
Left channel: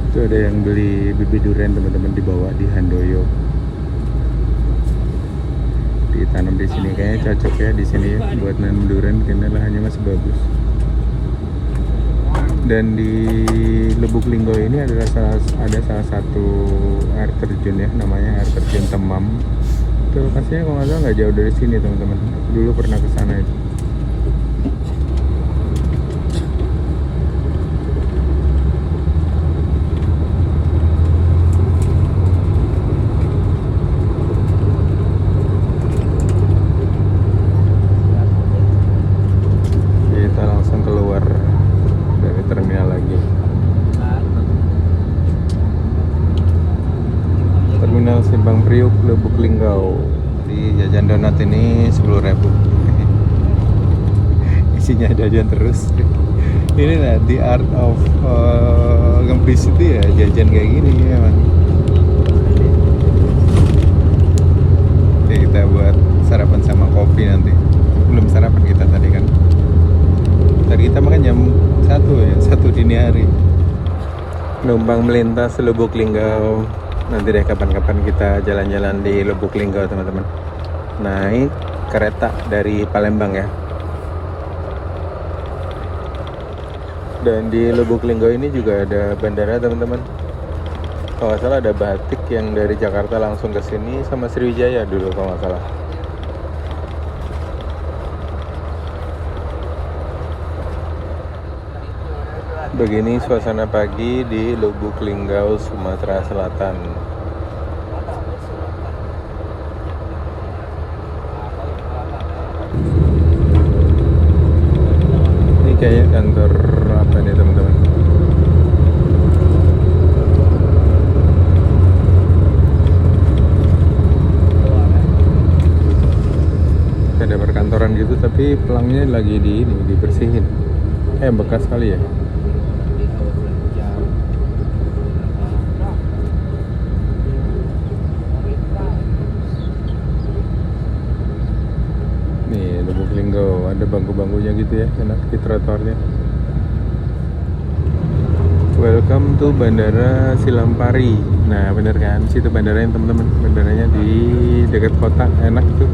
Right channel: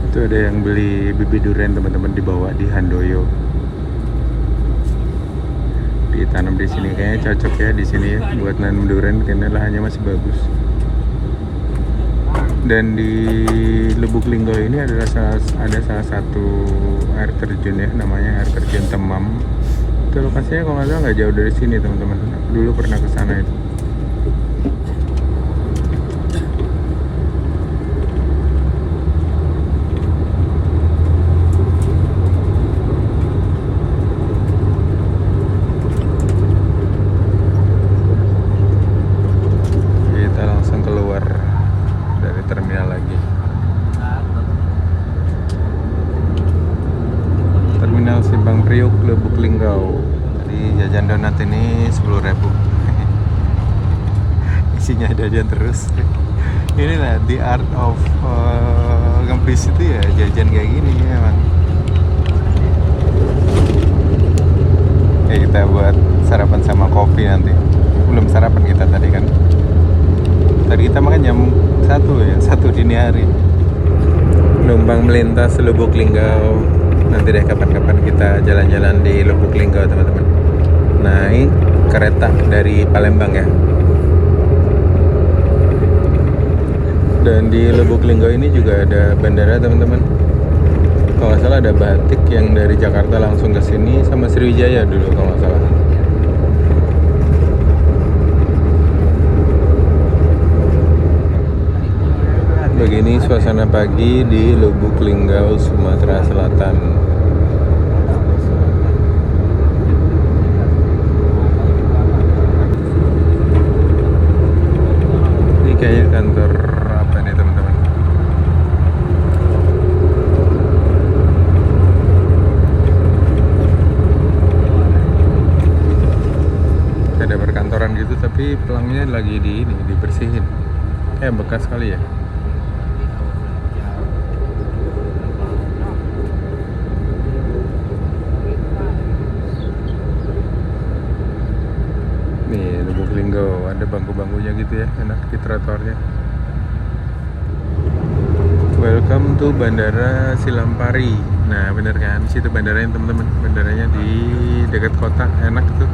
Itu ada yang beli bibit durian teman-teman di bawah di Handoyo. Ditanam di sini kayaknya cocok ya di sini ya buat nanam durian karena lahannya masih bagus. Dan di Lubuk Linggau ini ada salah satu air terjun ya, namanya air terjun Temam. Itu lokasinya kalau nggak salah nggak jauh dari sini teman-teman. Aku dulu pernah ke sana itu. Kita langsung keluar dari terminal lagi. Terminal Simpang Priuk, Lubuk Linggau. Di jajan donat ini 10.000. Isinya jajan terus. Ini lah the art of ngebis itu ya, jajan kayak gini ya emang. Ya kita buat sarapan sama kopi nanti. Belum sarapan kita tadi kan. Tadi kita makan jam 1 dini hari. Numpang melintas Lubuk Linggau. Nanti deh kapan-kapan kita jalan-jalan di Lubuk Linggau teman-teman. Naik kereta dari Palembang ya. Dan di Lubuk Linggau ini juga ada bandara teman-teman. Kalau nggak salah ada Batik yang dari Jakarta langsung ke sini, sama Sriwijaya dulu kalau nggak salah. Begini suasana pagi di Lubuk Linggau, Sumatera Selatan. lagi dibersihin. Bekas kali ya. Nih Lubuk Linggau, ada bangku-bangkunya gitu ya, enak di trotoarnya. Welcome to Bandara Silampari. Nah bener kan, situ bandaranya teman-teman. Bandaranya di dekat kota, enak tuh.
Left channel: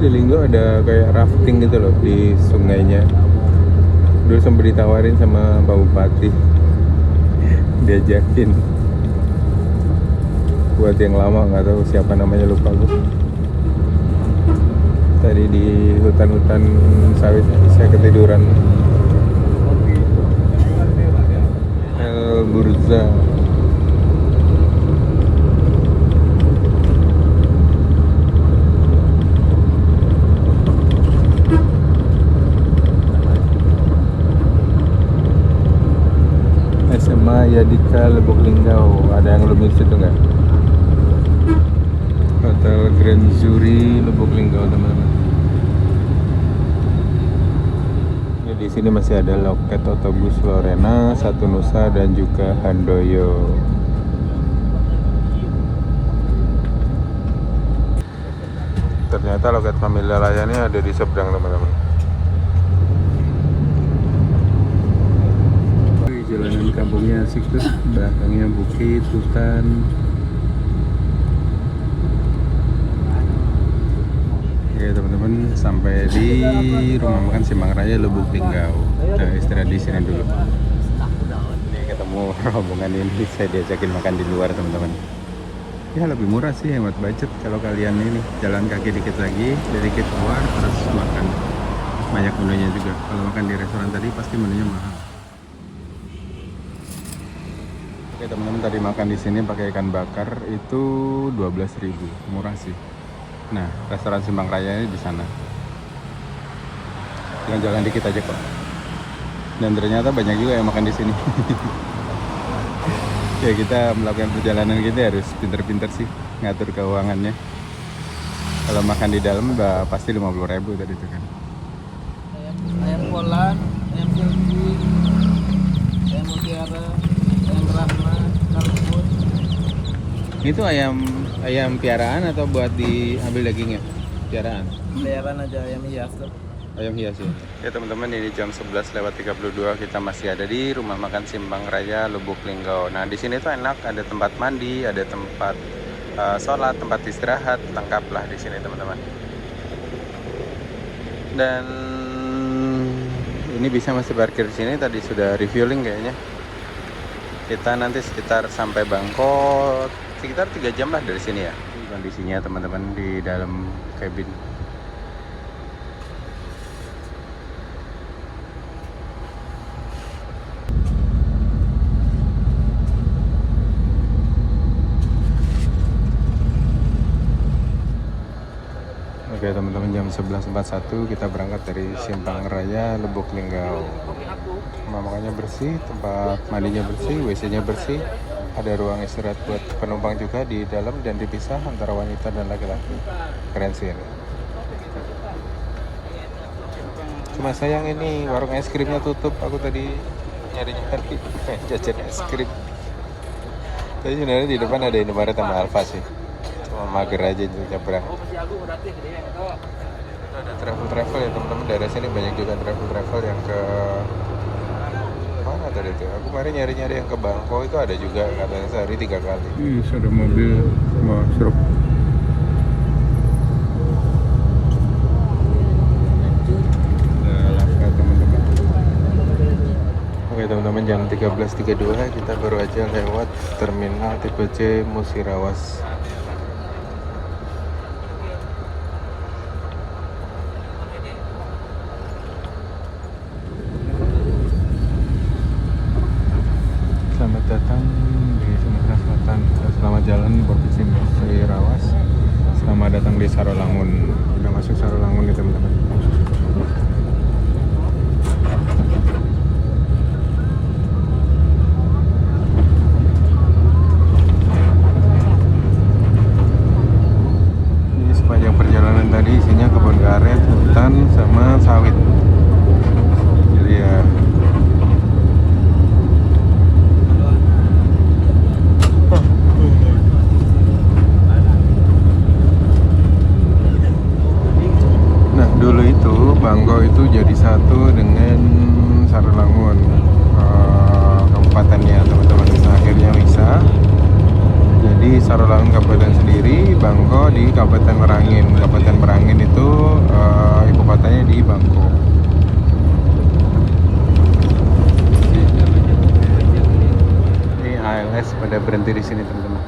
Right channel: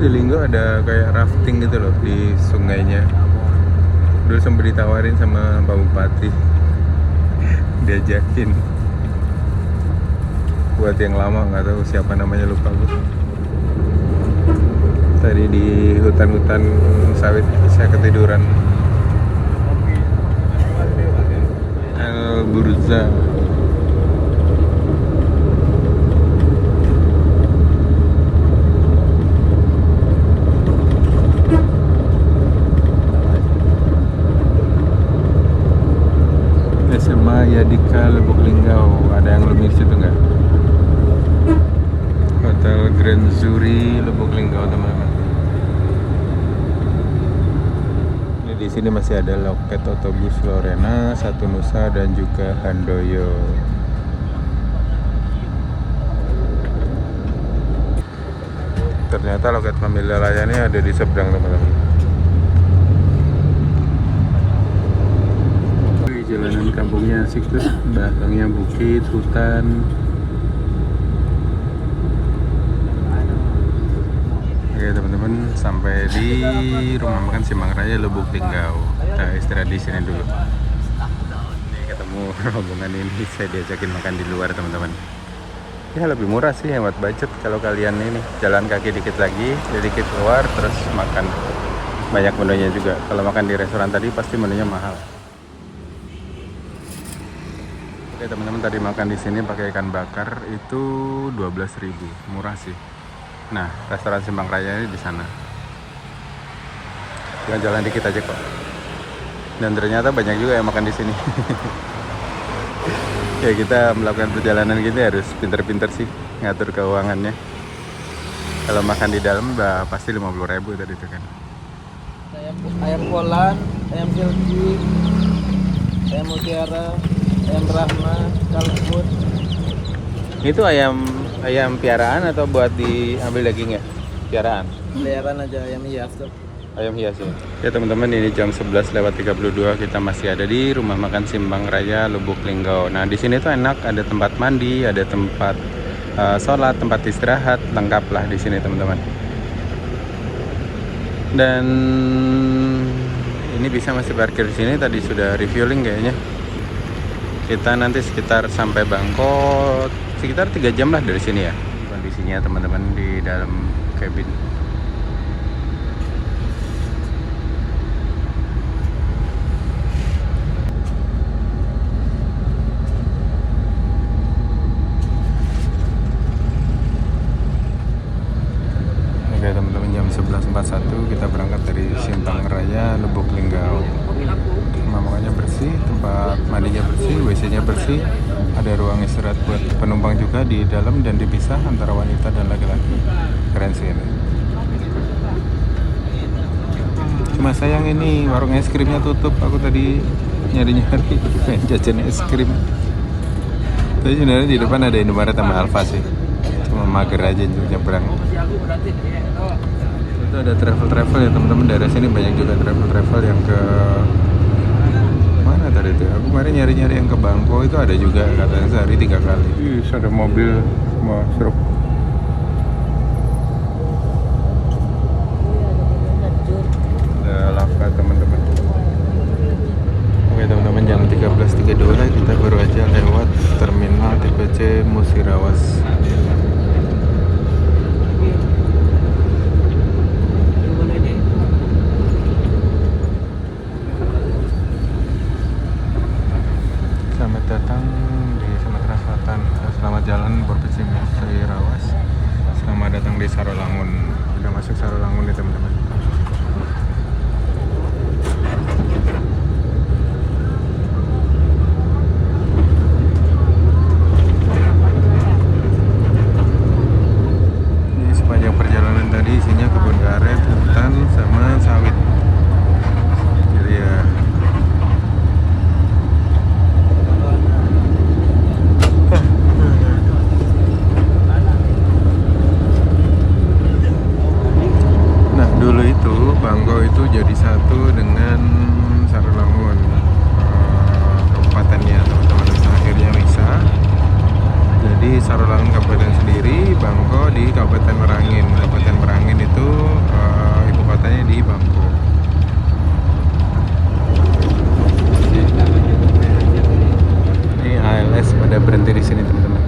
Di Linggo ada kayak rafting gitu loh di sungainya. Dulu sempat ditawarin sama Pak Bupati, diajakin. Buat yang lama nggak tahu siapa namanya, lupa gue. Tadi di hutan-hutan sawit saya ketiduran. El Burza. SMA Yadika Lubuk Linggau, ada yang lebih situ nggak? Hotel Grand Zuri Lubuk Linggau teman-teman. Di sini masih ada loket otobus Lorena, Satu Nusa dan juga Handoyo. Ternyata loket Familia Layani ada di seberang teman-teman. Jalanan kampungnya asik tuh, belakangnya bukit, hutan. Oke teman-teman, sampai di rumah makan Simbang Raya Lubuk Linggau. Kita istirahat di sini dulu. Ini ketemu rombongan ini, saya diajakin makan di luar teman-teman. Ya lebih murah sih, hemat budget kalau kalian ini jalan kaki dikit lagi, dikit keluar terus makan. Banyak menunya juga. Kalau makan di restoran tadi pasti menunya mahal. Tadi makan di sini pakai ikan bakar itu 12.000, murah sih. Nah, restoran Simbang Raya di sana. Jalan dikit aja kok. Dan ternyata banyak juga yang makan di sini. Ya kita melakukan perjalanan gini harus pinter-pinter sih ngatur keuangannya. Kalau makan di dalam pasti 50.000 tadi itu kan. Ayam Polan, ayam Jelji, ayam Mutiara, ayam Rahma, kalkun. Itu ayam piaraan atau buat diambil dagingnya? Piaraan? Peliharaan aja, ayam hias tuh. Ayam hias ya. Ya teman-teman, ini jam 11:32 kita masih ada di rumah makan Simbang Raya Lubuk Linggau. Nah di sini tuh enak, ada tempat mandi, ada tempat sholat, tempat istirahat, lengkap lah di sini teman-teman. Dan ini bisa masih parkir di sini. Tadi sudah refueling kayaknya. Kita nanti sekitar sampai Bangkok sekitar 3 jam lah dari sini ya. Kondisinya teman-teman di dalam cabin. Oke teman-teman, jam 11.41 kita berangkat dari Simbang Raya Lubuk Linggau. Makanya bersih, tempat mandinya bersih, WC-nya bersih, ada ruang istirahat buat penumpang juga di dalam dan dipisah antara wanita dan laki-laki. Keren sih ini. Cuma sayang ini warung es krimnya tutup. Aku tadi nyari-nyari jajan es krim. Tapi sebenarnya di depan ada Indomaret sama Alfa sih. Cuma mager aja untuk nyebrang. Itu ada travel ya teman-teman, dari sini banyak juga travel yang ke mana tadi itu. Aku kemarin nyari-nyari yang ke Bangkok itu ada juga, katanya sehari 3 kali. Ada mobil mau seruk. Ada Lava teman-teman. Oke teman-teman, jam 13.32 kita baru aja lewat terminal tipe C Musirawas. Selamat jalan Provinsi Musirawas. masuk Sarolangun nih teman-teman. Di sepanjang perjalanan tadi isinya kebun karet, hutan, sama sawit. Jadi ya dulu itu Bangko itu jadi satu dengan Sarolangun kabupatennya teman-teman. Nah, akhirnya misah. Jadi Sarolangun kabupaten sendiri, Bangko di Kabupaten Merangin. Kabupaten Merangin itu ibu kotanya di Bangko. Ini ALS pada berhenti di sini teman-teman.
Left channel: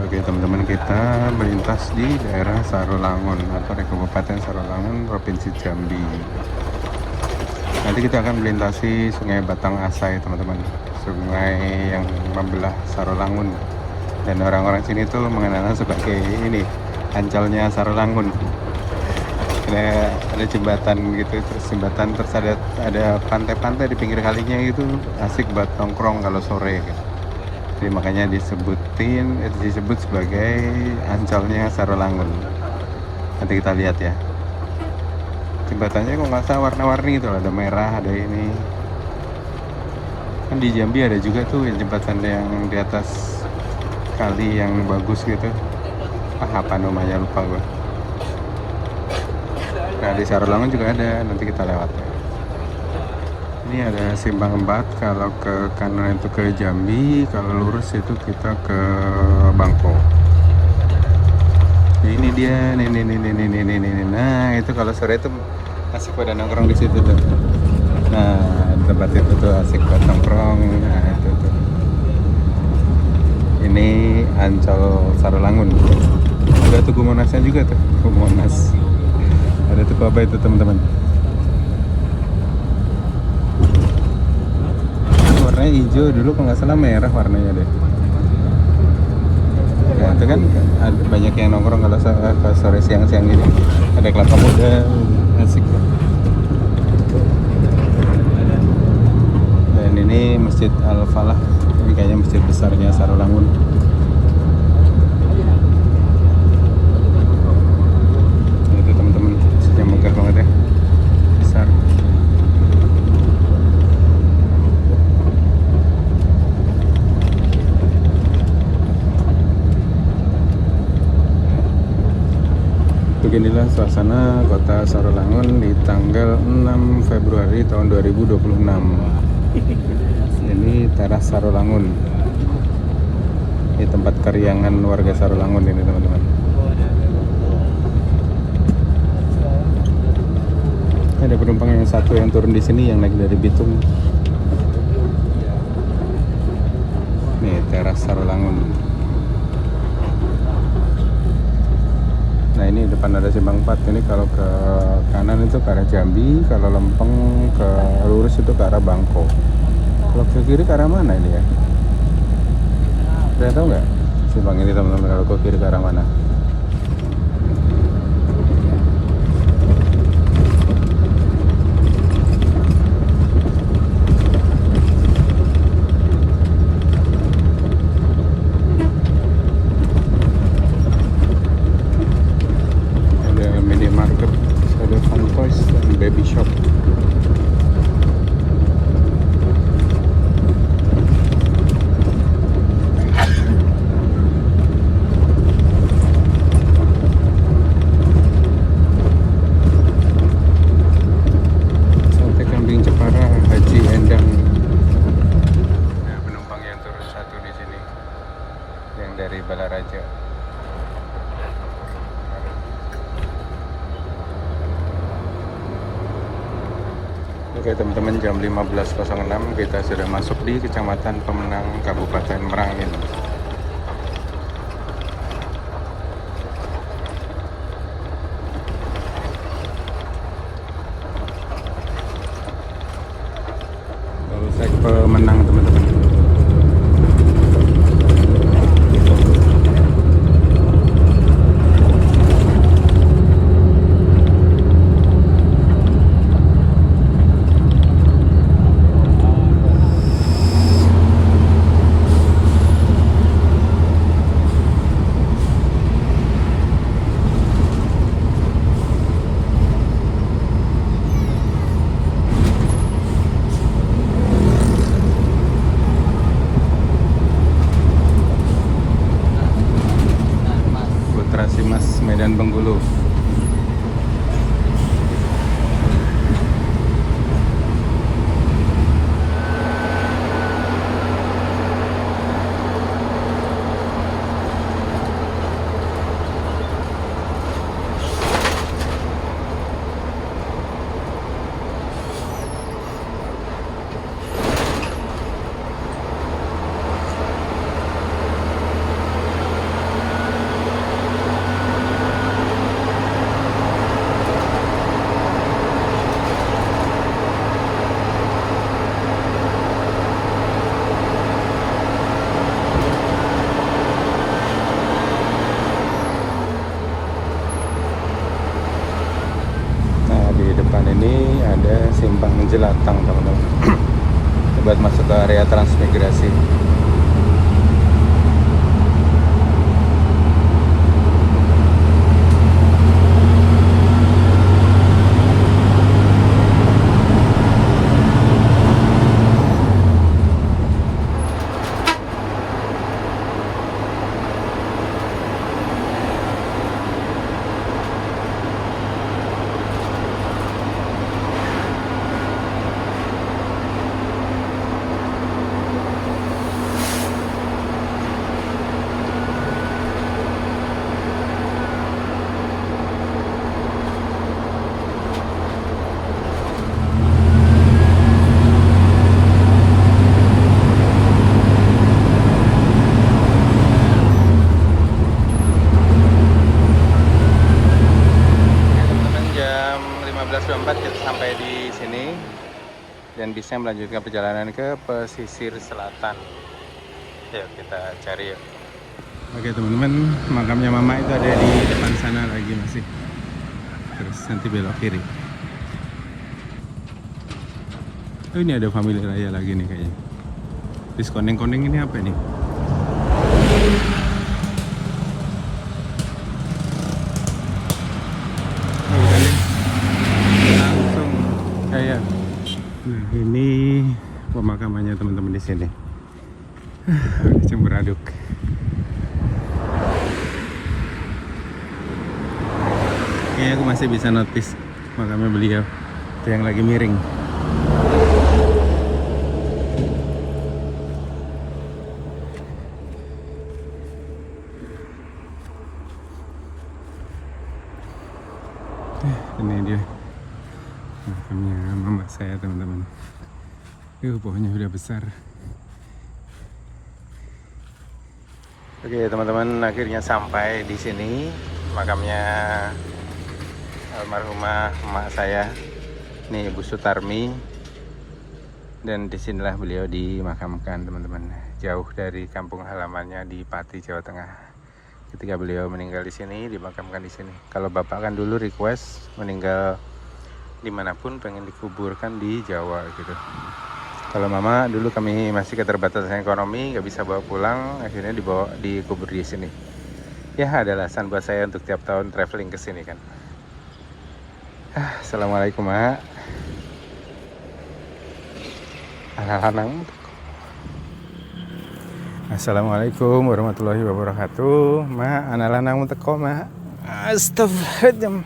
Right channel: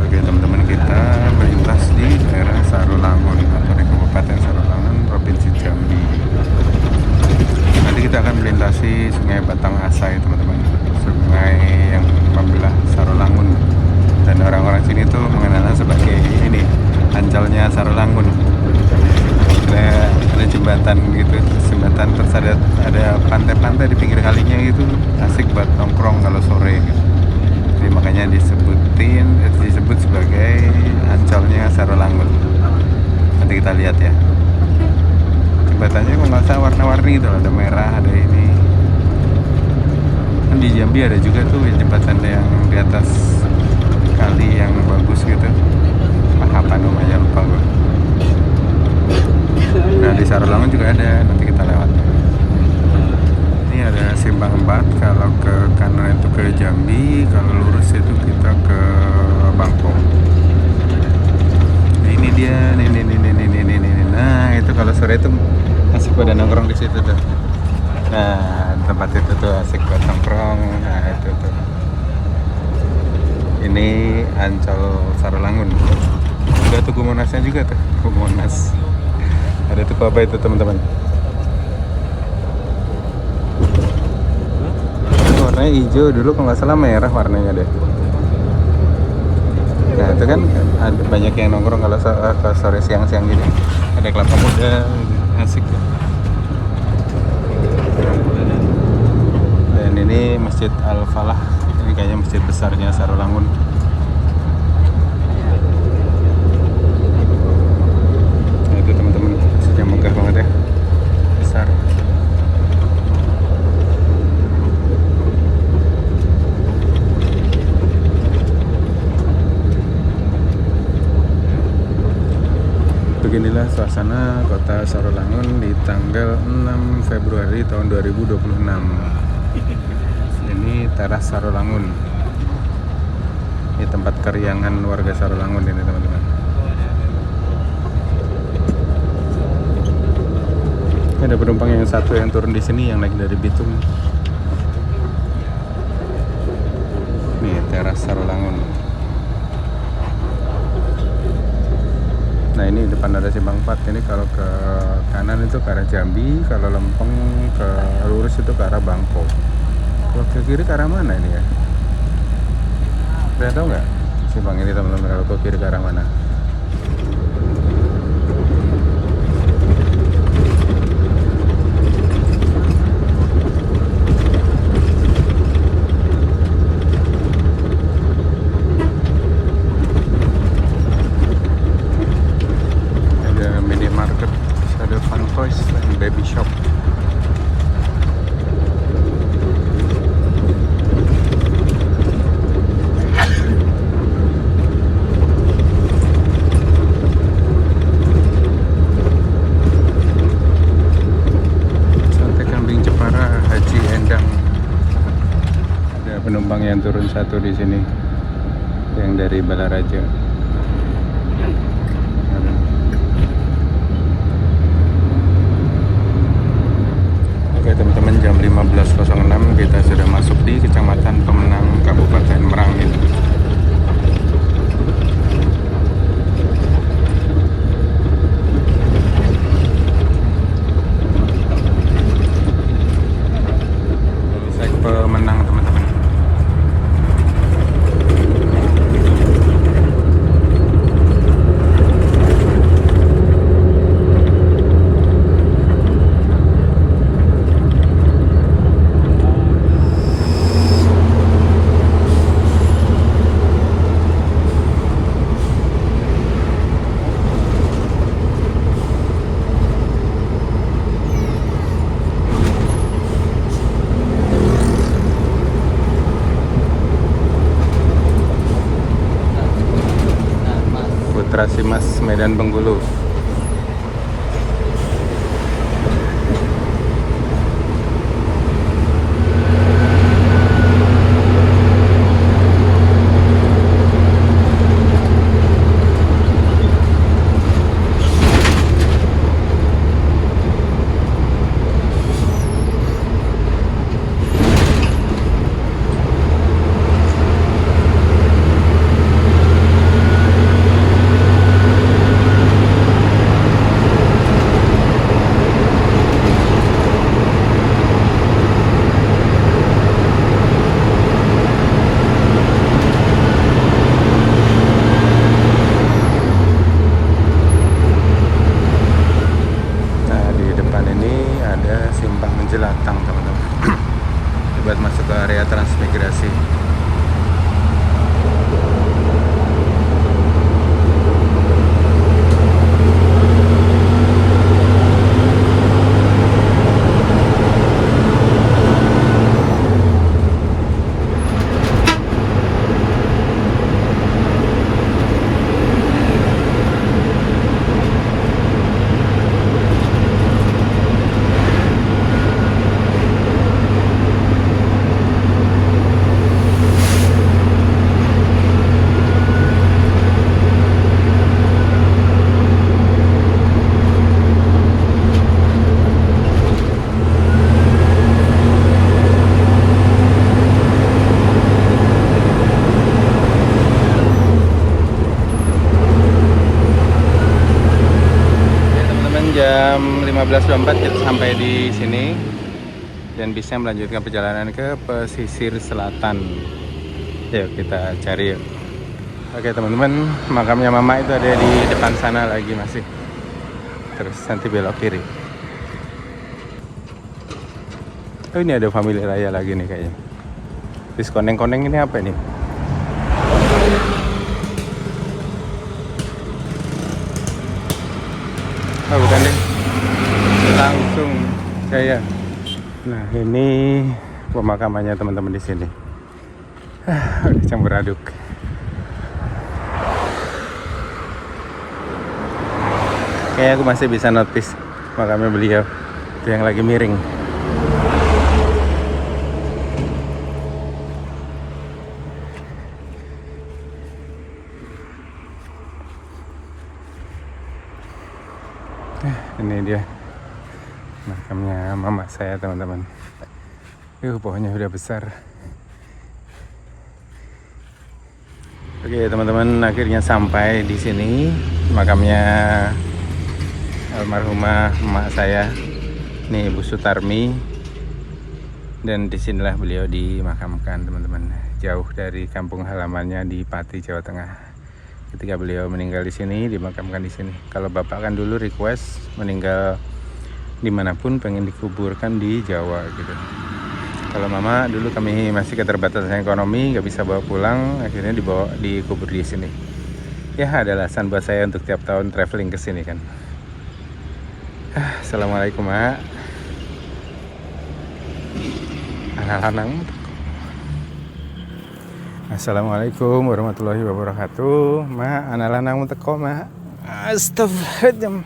Oke teman-teman, kita melintas di daerah Sarolangun atau di Kabupaten Sarolangun, Provinsi Jambi. Nanti kita akan melintasi Sungai Batanghasai teman-teman, sungai yang membelah Sarolangun, dan orang-orang sini tuh mengenalnya sebagai ini Ancalnya Sarolangun. Ada jembatan gitu, terus ada pantai-pantai di pinggir kalinya gitu, asik buat nongkrong kalau sore gitu. Jadi makanya disebut sebagai Ancalnya Sarolangun. Nanti kita lihat ya. Jembatannya kalau nggak salah warna-warni itu, ada merah, ada ini. Kan di Jambi ada juga tuh jembatan yang di atas kali yang bagus gitu. Apa namanya lupa gue. Nah di Sarolangun juga ada, nanti kita lewat. Ini ada simpang 4, kalau ke kanan itu ke Jambi, kalau lurus itu kita ke Bangko. Nah ini dia, ini. Nah itu kalau sore itu asik pada nongkrong di situ tuh. Nah tempat itu tuh asik buat nongkrong. Nah, itu. Ini Ancol Sarolangun. Ada Tugu Monasnya juga tuh, Tugu Monas. Ada Tugu apa itu teman-teman? Warnanya hijau, dulu kalau nggak salah merah warnanya deh. Nah itu kan ada banyak yang nongkrong kalau sore siang-siang ini. Ada kelapa muda, asik. Dan ini Masjid Al-Falah, ini kayaknya masjid besarnya Sarolangun. Nah, itu teman-teman, masjidnya megah banget ya, besar. Beginilah suasana kota Sarolangun di tanggal 6 Februari tahun 2026. Ini teras Sarolangun. Ini tempat keriangan warga Sarolangun ini teman-teman. Ini ada penumpang yang satu yang turun di sini, yang naik dari Bitung. Nih teras Sarolangun. Nah ini depan ada simpang 4. Ini kalau ke kanan itu ke arah Jambi, kalau lempeng ke lurus itu ke arah Bangko. Kalau ke kiri ke arah mana ini ya? Udah tahu nggak simpang ini teman-teman, kalau ke kiri ke arah mana? Penumpang yang turun satu di sini, yang dari Balaraja. Oke teman-teman, jam 15.06 kita sudah masuk di Kecamatan Pemenang, Kabupaten Merangin. Prasimas Medan Bengkulu. Jelatang teman-teman, buat masuk ke area transmigrasi. Jam 15.24 kita sampai di sini dan bisa melanjutkan perjalanan ke pesisir selatan. Yuk kita cari yuk. Oke teman-teman, makamnya mama itu ada di depan sana lagi masih. Terus nanti belok kiri. Oh ini ada family raya lagi nih kayaknya. Terus koneng-koneng ini apa nih? Oh bukan deh, langsung saya. Nah ini pemakamannya teman-teman di sini. Campur aduk. Kayaknya aku masih bisa notice makamnya beliau yang lagi miring. Ini dia makamnya mama saya teman-teman. Pohonnya udah besar. Oke teman-teman, akhirnya sampai di sini makamnya almarhumah emak saya. Nih Ibu Sutarmi. Dan disinilah beliau dimakamkan teman-teman. Jauh dari kampung halamannya di Pati, Jawa Tengah. Ketika beliau meninggal di sini, dimakamkan di sini. Kalau bapak kan dulu request meninggal dimanapun pengen dikuburkan di Jawa gitu. Kalau mama dulu kami masih keterbatasan ekonomi, nggak bisa bawa pulang, akhirnya dikubur di sini. Ya ada alasan buat saya untuk tiap tahun traveling ke sini kan. Assalamualaikum mak. Anak-anak. Assalamualaikum warahmatullahi wabarakatuh. Ma, anak lanang teko, Ma. Astagfirullahaladzim.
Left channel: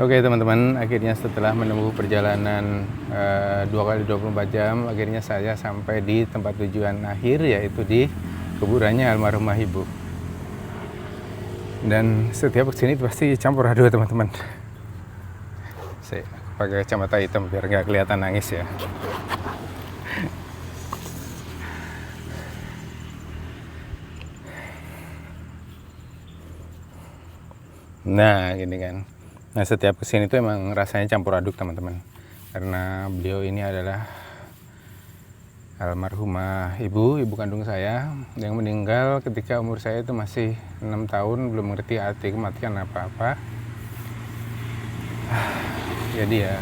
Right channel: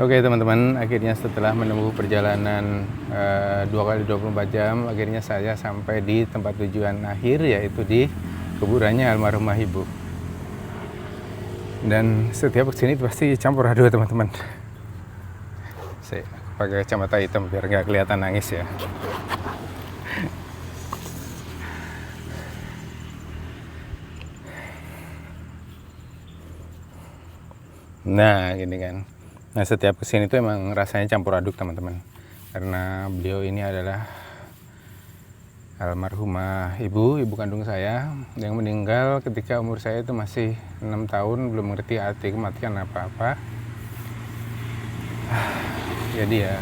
Oke teman-teman, akhirnya setelah menempuh perjalanan 2 kali 24 jam, akhirnya saya sampai di tempat tujuan akhir, yaitu di kuburannya almarhumah ibu. Dan setiap kesini pasti campur aduk teman-teman. Saya pakai kacamata hitam biar nggak kelihatan nangis ya. Nah gini kan. Nah setiap kesini tuh emang rasanya campur aduk teman-teman. Karena beliau ini adalah almarhumah ibu kandung saya yang meninggal ketika umur saya itu masih 6 tahun, belum mengerti arti kematian apa-apa. Jadi ya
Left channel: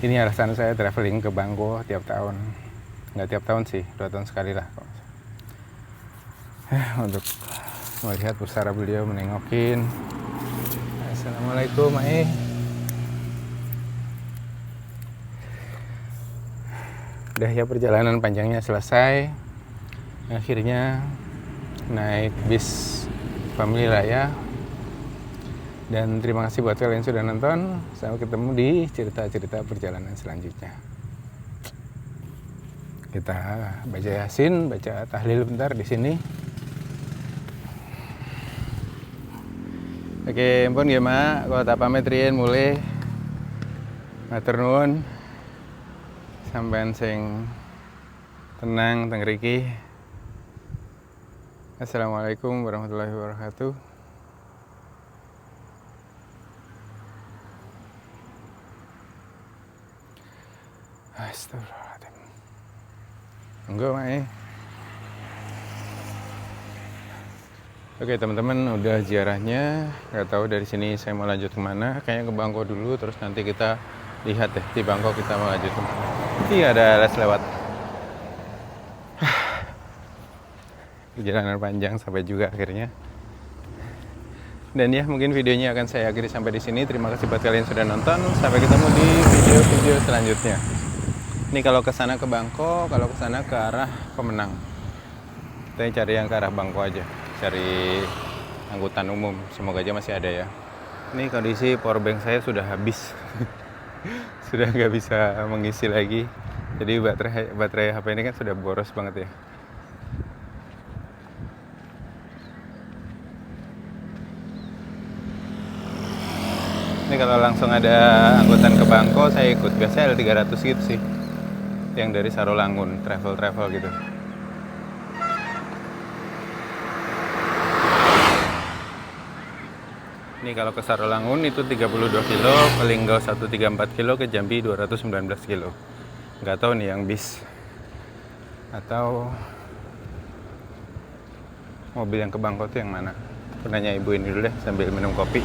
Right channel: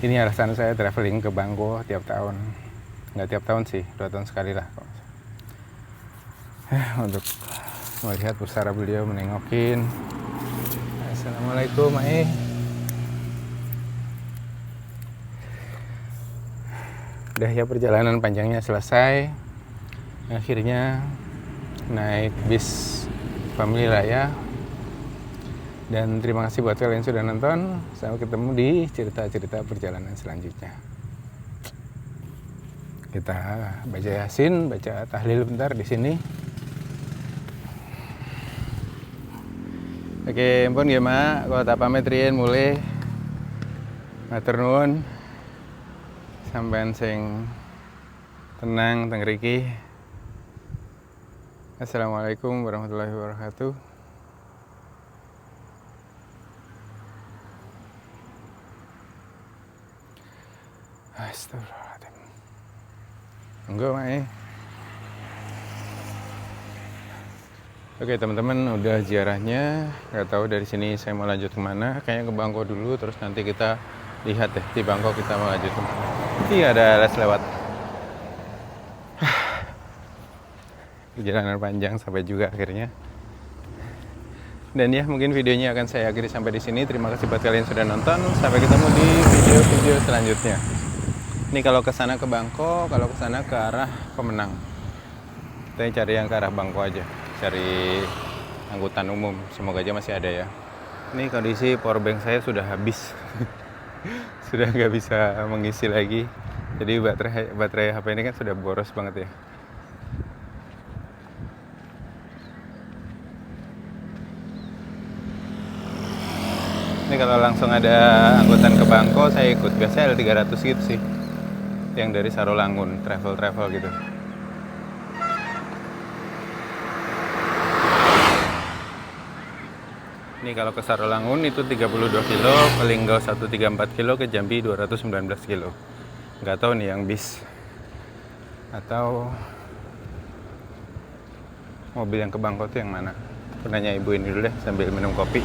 ini alasan saya traveling ke Bangko tiap tahun. Nggak tiap tahun sih, 2 tahun sekali lah untuk melihat pusara beliau, menengokin. Assalamualaikum Mae. Udah ya, perjalanan panjangnya selesai. Akhirnya naik bis Family Raya. Dan terima kasih buat kalian yang sudah nonton. Sampai ketemu di cerita-cerita perjalanan selanjutnya. Kita baca Yasin, baca tahlil bentar di sini. Oke, ampun ya mak, kalau tak pamit riyen mulai matur nuwun. Sampeyan sing tenang teng mriki. Assalamualaikum warahmatullahi wabarakatuh. Astagfirullahaladzim. Enggak mak. Oke teman-teman, udah ziarahnya. Gak tahu dari sini saya mau lanjut kemana. Kayaknya ke Bangko dulu, terus nanti kita lihat deh di Bangko kita mau lanjut kemana. Iya, ada les lewat. Perjalanan panjang sampai juga akhirnya. Dan ya, mungkin videonya akan saya akhiri sampai di sini. Terima kasih buat kalian yang sudah nonton. Sampai ketemu di video-video selanjutnya. Ini kalau ke sana ke Bangko, kalau ke sana ke arah Pemenang. Kita cari yang ke arah Bangko aja. Cari angkutan umum, semoga aja masih ada ya. Ini kondisi powerbank saya sudah habis. Sudah nggak bisa mengisi lagi. Jadi baterai HP ini kan sudah boros banget ya. Ini kalau langsung ada angkutan ke Bangko saya ikut. Biasanya L300 gitu sih, yang dari Sarolangun, travel gitu. Ini kalau ke Sarolangun itu 32 kilo, ke Linggau 134 kilo, ke Jambi 219 kilo. Nggak tahu nih yang bis atau mobil yang ke Bangko itu yang mana. Aku nanya ibu ini dulu deh sambil minum kopi.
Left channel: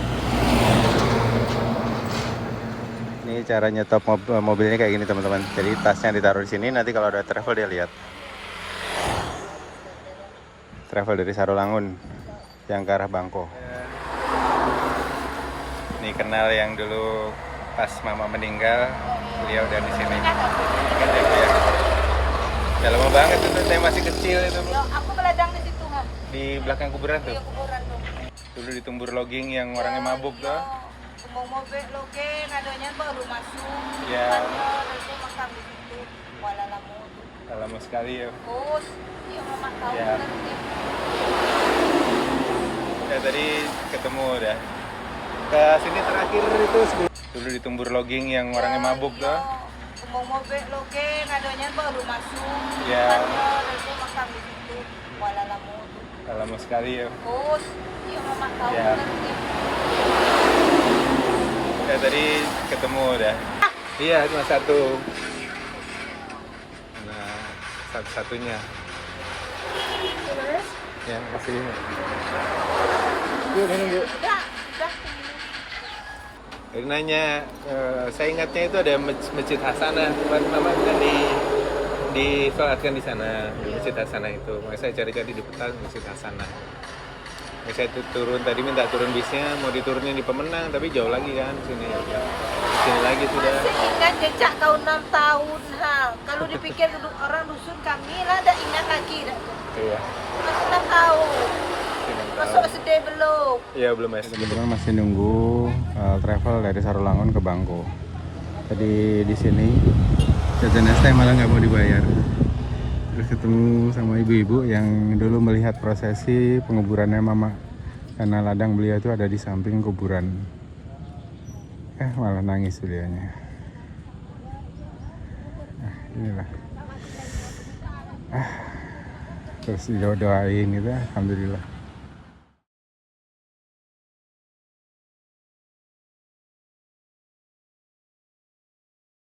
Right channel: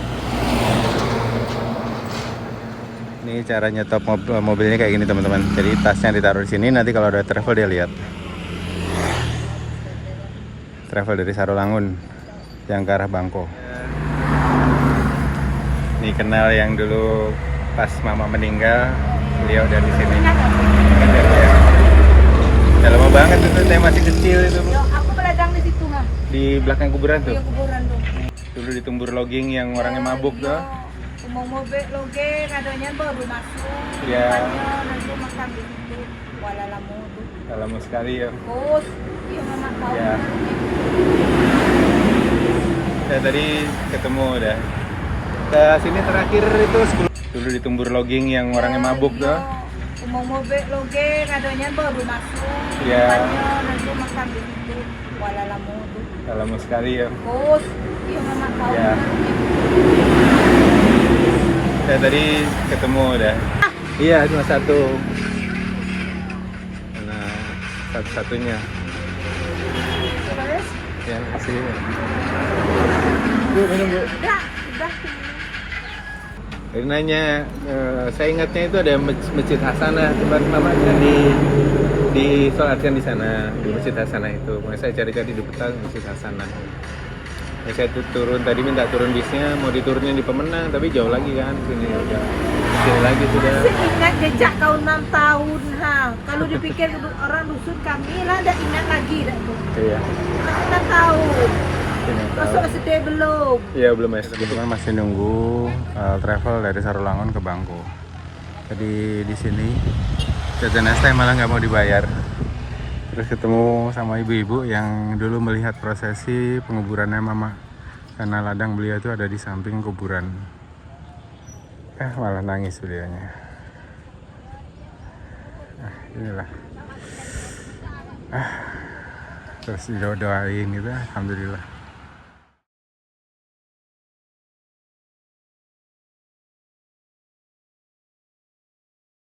Ini cara nyetop mobilnya kayak gini teman-teman. Jadi tasnya ditaruh di sini, nanti kalau ada travel dia lihat. Travel dari Sarolangun yang ke arah Bangko. Dikenal yang dulu pas mama meninggal, beliau dari sini. Ya. Udah lama banget itu, saya masih kecil itu. Yo, aku beladang di situ mah. Di belakang kuburan tuh. Di kuburan tuh. Dulu di Tumbur Loging yang orangnya mabuk tuh. Mau mobil logeng, adanya baru masuk. Ya. Depannya dan lu makan di situ. Kuala Lamu tuh. Lama sekali ya. Oh, iya mama tahu. Ya. Saya tadi ketemu udah. Ke sini terakhir itu dulu di Tumbur Loging yang orangnya mabuk tuh. Mau mobil logeng, adanya baru masuk. Ya. Depannya dan lu makan di situ. Kuala Lamu tuh. Lama sekali ya. Oh, iya mama tahu. Ya. Saya tadi ketemu udah. Iya, cuma satu. Nah, satu-satunya. Ya, kasih. Udah. Dia nanya, saya ingatnya itu ada Masjid Hasanah, tiba-tiba disolatkan di sana, di Masjid Hasanah itu. Makanya saya cari-cari di peta Masjid Hasanah. Ya, saya turun tadi minta turun bisnya, mau diturunnya di Pemenang, tapi jauh lagi kan sini udah. Sini lagi sudah. Masih ingat jejak kau 6 tahun ha. Kalau dipikir orang dusun kami lah ada ingat lagi dah tuh. Iya. Masih 6 tahun. Masuk sedih belum? Iya belum masih nunggu travel dari Sarolangun ke Bangko. Jadi di sini jajan es teh malah nggak mau dibayar. Terus ketemu sama ibu-ibu yang dulu melihat prosesi penguburannya mama, karena ladang beliau itu ada di samping kuburan. Malah nangis beliaunya. Inilah. Terus doain gitu, alhamdulillah.